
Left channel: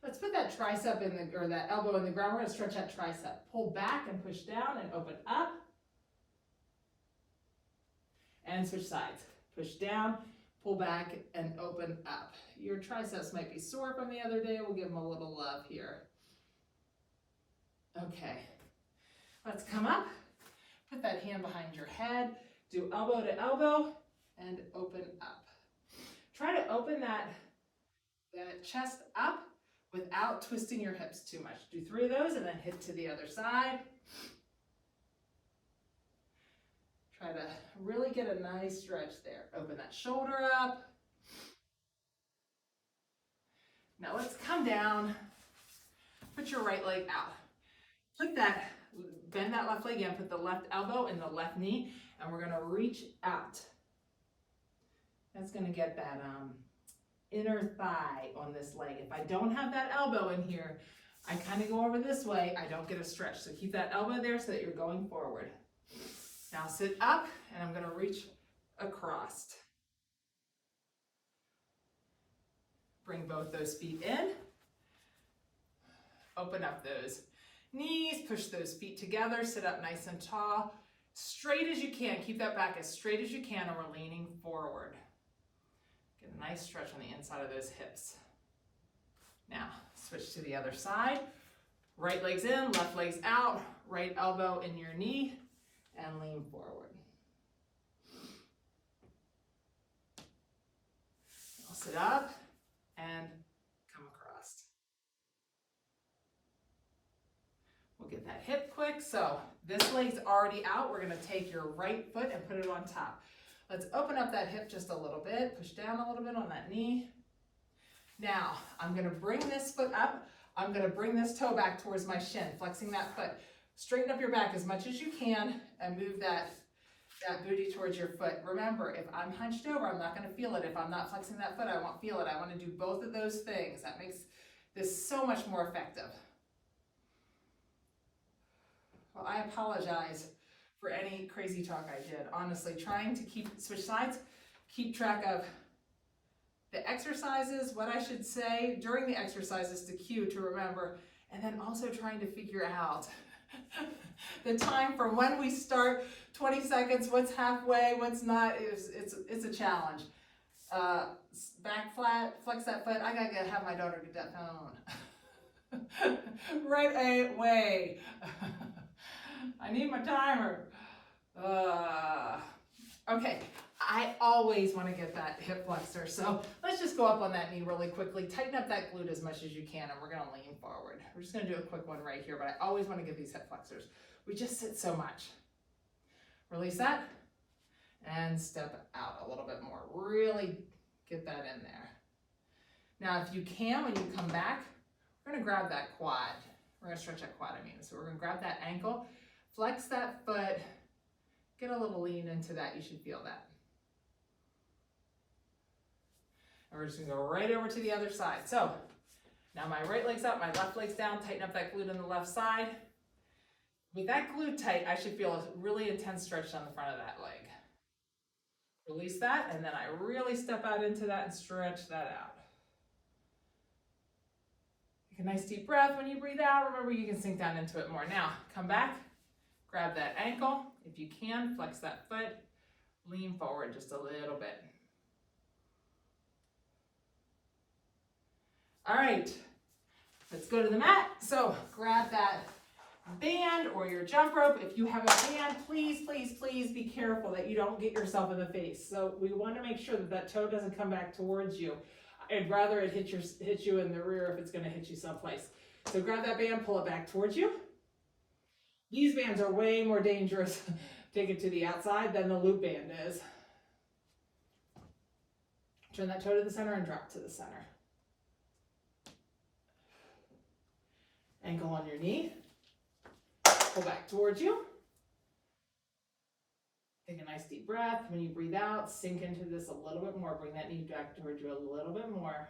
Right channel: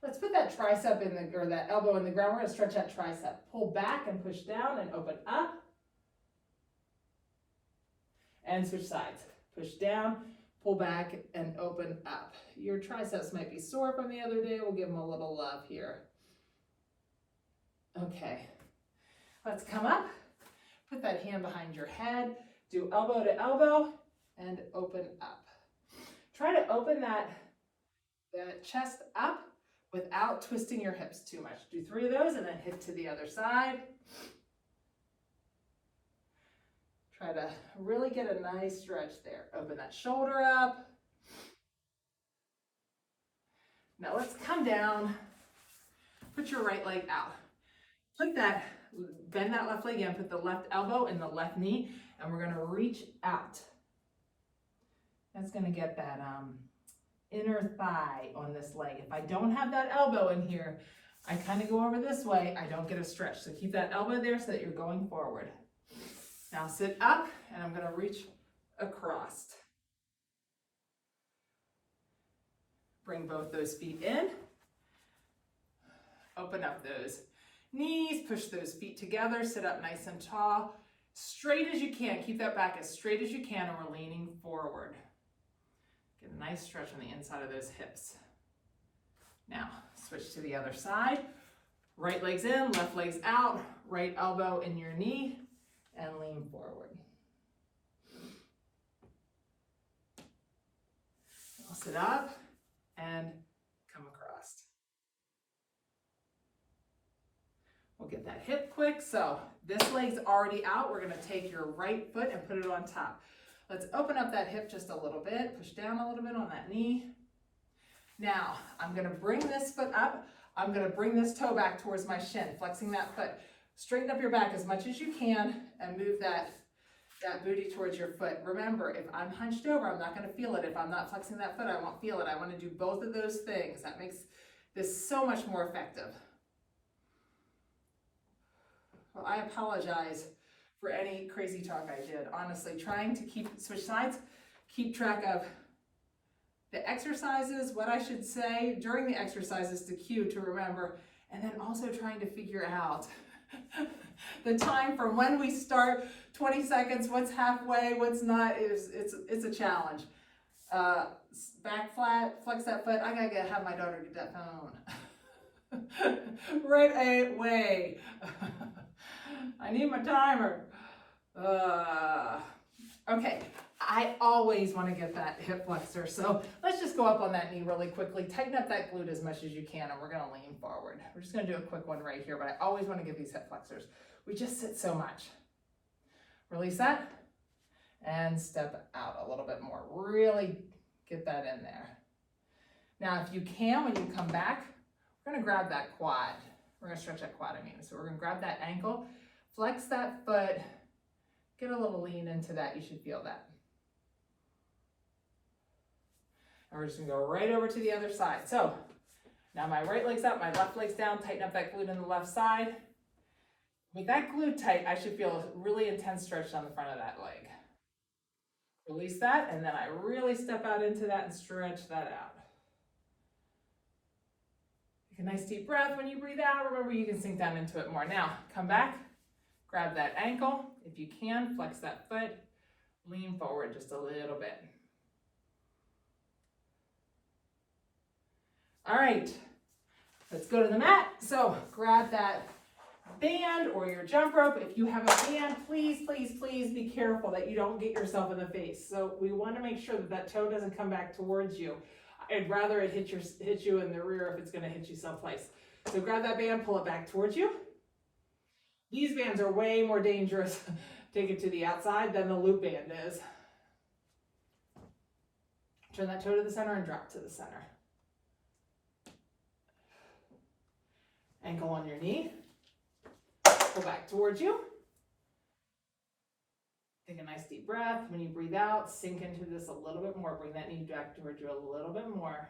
Let's put that tricep in the, or that elbow in the ground. We're gonna stretch that tricep. Pull back and push down and open up. And switch sides. Push down, pull back and open up. Your triceps might be sore from the other day. We'll give them a little love here. Okay, let's come up. Put that hand behind your head. Do elbow to elbow and open up. Try to open that chest up without twisting your hips too much. Do 3 of those and then hit to the other side. Try to really get a nice stretch there. Open that shoulder up. Now let's come down. Put your right leg out. Bend that left leg in, put the left elbow in the left knee, and we're gonna reach out. That's gonna get that inner thigh on this leg. If I don't have that elbow in here, I kind of go over this way, I don't get a stretch. So keep that elbow there so that you're going forward. Now sit up, and I'm gonna reach across. Bring both those feet in. Open up those knees, push those feet together, sit up nice and tall. Straight as you can, keep that back as straight as you can, and we're leaning forward. Get a nice stretch on the inside of those hips. Now, switch to the other side. Right leg's in, left leg's out, right elbow in your knee, and lean forward. I'll sit up and come across. We'll get that hip quick. So this leg's already out. We're gonna take your right foot and put it on top. Let's open up that hip just a little bit, push down a little bit on that knee. Now, I'm gonna bring this foot up. I'm gonna bring this toe back towards my shin, flexing that foot. Straighten up your back as much as you can and move that booty towards your foot. Remember, if I'm hunched over, I'm not gonna feel it. If I'm not flexing that foot, I won't feel it. I wanna do both of those things. That makes this so much more effective. Well, I apologize for any crazy talk I did. Honestly, trying to switch sides, keep track of the exercises, what I should say during the exercises to cue to remember, and then also trying to figure out the time from when we start, 20 seconds, what's halfway, what's not, it's a challenge. Back flat, flex that foot. I gotta have my daughter get that phone. Right away. I need my timer. Okay, I always want to get that hip flexor, so let's just go up on that knee really quickly. Tighten up that glute as much as you can, and we're going to lean forward. We're just going to do a quick one right here, but I always want to get these hip flexors. We just sit so much. Release that, and step out a little bit more. Really get that in there. Now, if you can, when you come back, we're going to grab that quad. We're going to stretch that quad, So we're going to grab that ankle, flex that foot, get a little lean into that. You should feel that. And we're just going to go right over to the other side. So now my right leg's up, my left leg's down. Tighten up that glute on the left side. With that glute tight, I should feel a really intense stretch on the front of that leg. Release that, and then I really step out into that and stretch that out. Take a nice deep breath when you breathe out. Remember, you can sink down into it more. Now, come back, grab that ankle. If you can, flex that foot, lean forward just a little bit. All right, let's go to the mat. So grab that band or your jump rope. If you have a band, please, please, please be careful that you don't get yourself in the face. So we want to make sure that that toe doesn't come back towards you. I'd rather it hit you in the rear if it's going to hit you someplace. So grab that band, pull it back towards you. These bands are way more dangerous, take it to the outside, than the loop band is. Turn that toe to the center and drop to the center. Ankle on your knee. Pull back towards you. Take a nice deep breath. When you breathe out, sink into this a little bit more. Bring that knee back towards you a little bit more.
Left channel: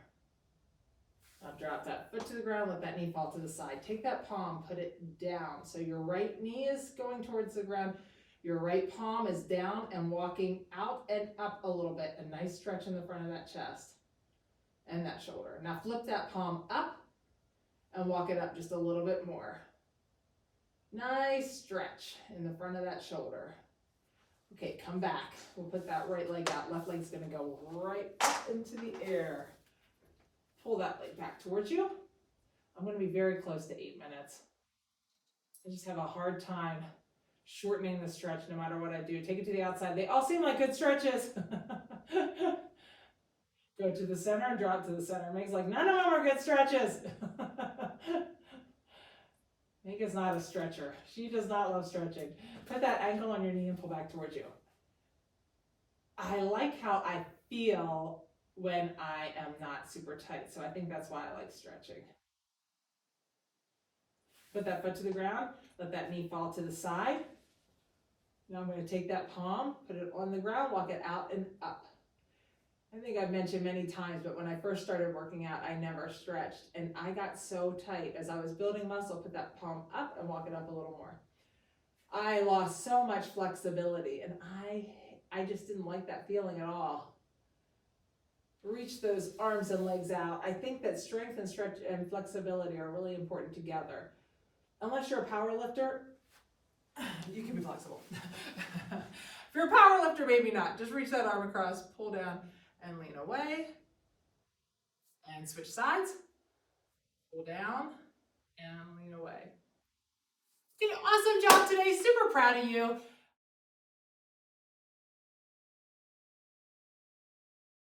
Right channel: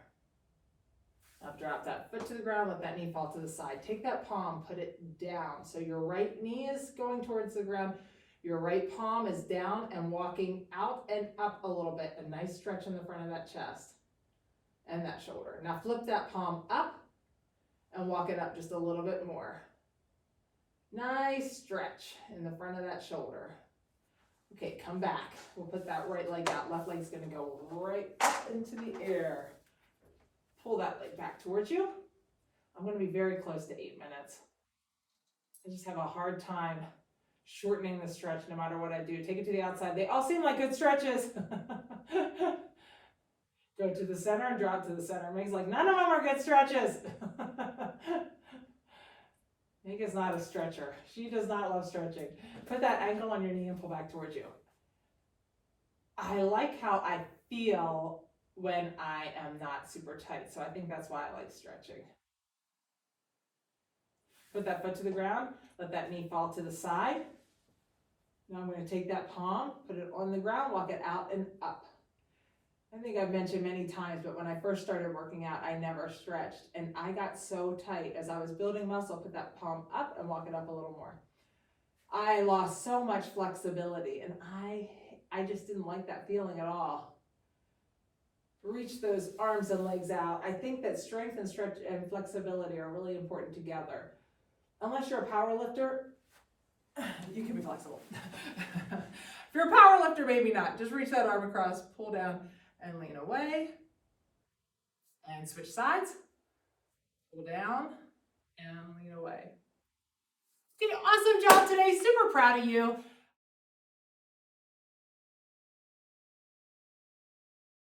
Now drop that foot to the ground, let that knee fall to the side. Take that palm, put it down. So your right knee is going towards the ground. Your right palm is down and walking out and up a little bit. A nice stretch in the front of that chest and that shoulder. Now flip that palm up and walk it up just a little bit more. Nice stretch in the front of that shoulder. Okay, come back. We'll put that right leg out. Left leg's gonna go right up into the air. Pull that leg back towards you. I'm gonna be very close to 8 minutes. I just have a hard time shortening the stretch no matter what I do. Take it to the outside. They all seem like good stretches. Go to the center and drop to the center. Meg's like, none of them are good stretches. Meg is not a stretcher. She does not love stretching. Put that ankle on your knee and pull back towards you. I like how I feel when I am not super tight, so I think that's why I like stretching. Put that foot to the ground, let that knee fall to the side. Now I'm going to take that palm, put it on the ground, walk it out and up. I think I've mentioned many times, but when I first started working out, I never stretched, and I got so tight. As I was building muscle, put that palm up and walk it up a little more. I lost so much flexibility, and I just didn't like that feeling at all. Reach those arms and legs out. I think that strength and stretch and flexibility are really important together. Unless you're a power lifter, you can be flexible. If you're a power lifter, maybe not. Just reach that arm across, pull down, and lean away. And switch sides. Pull down and lean away. Okay, awesome job today. Super proud of you.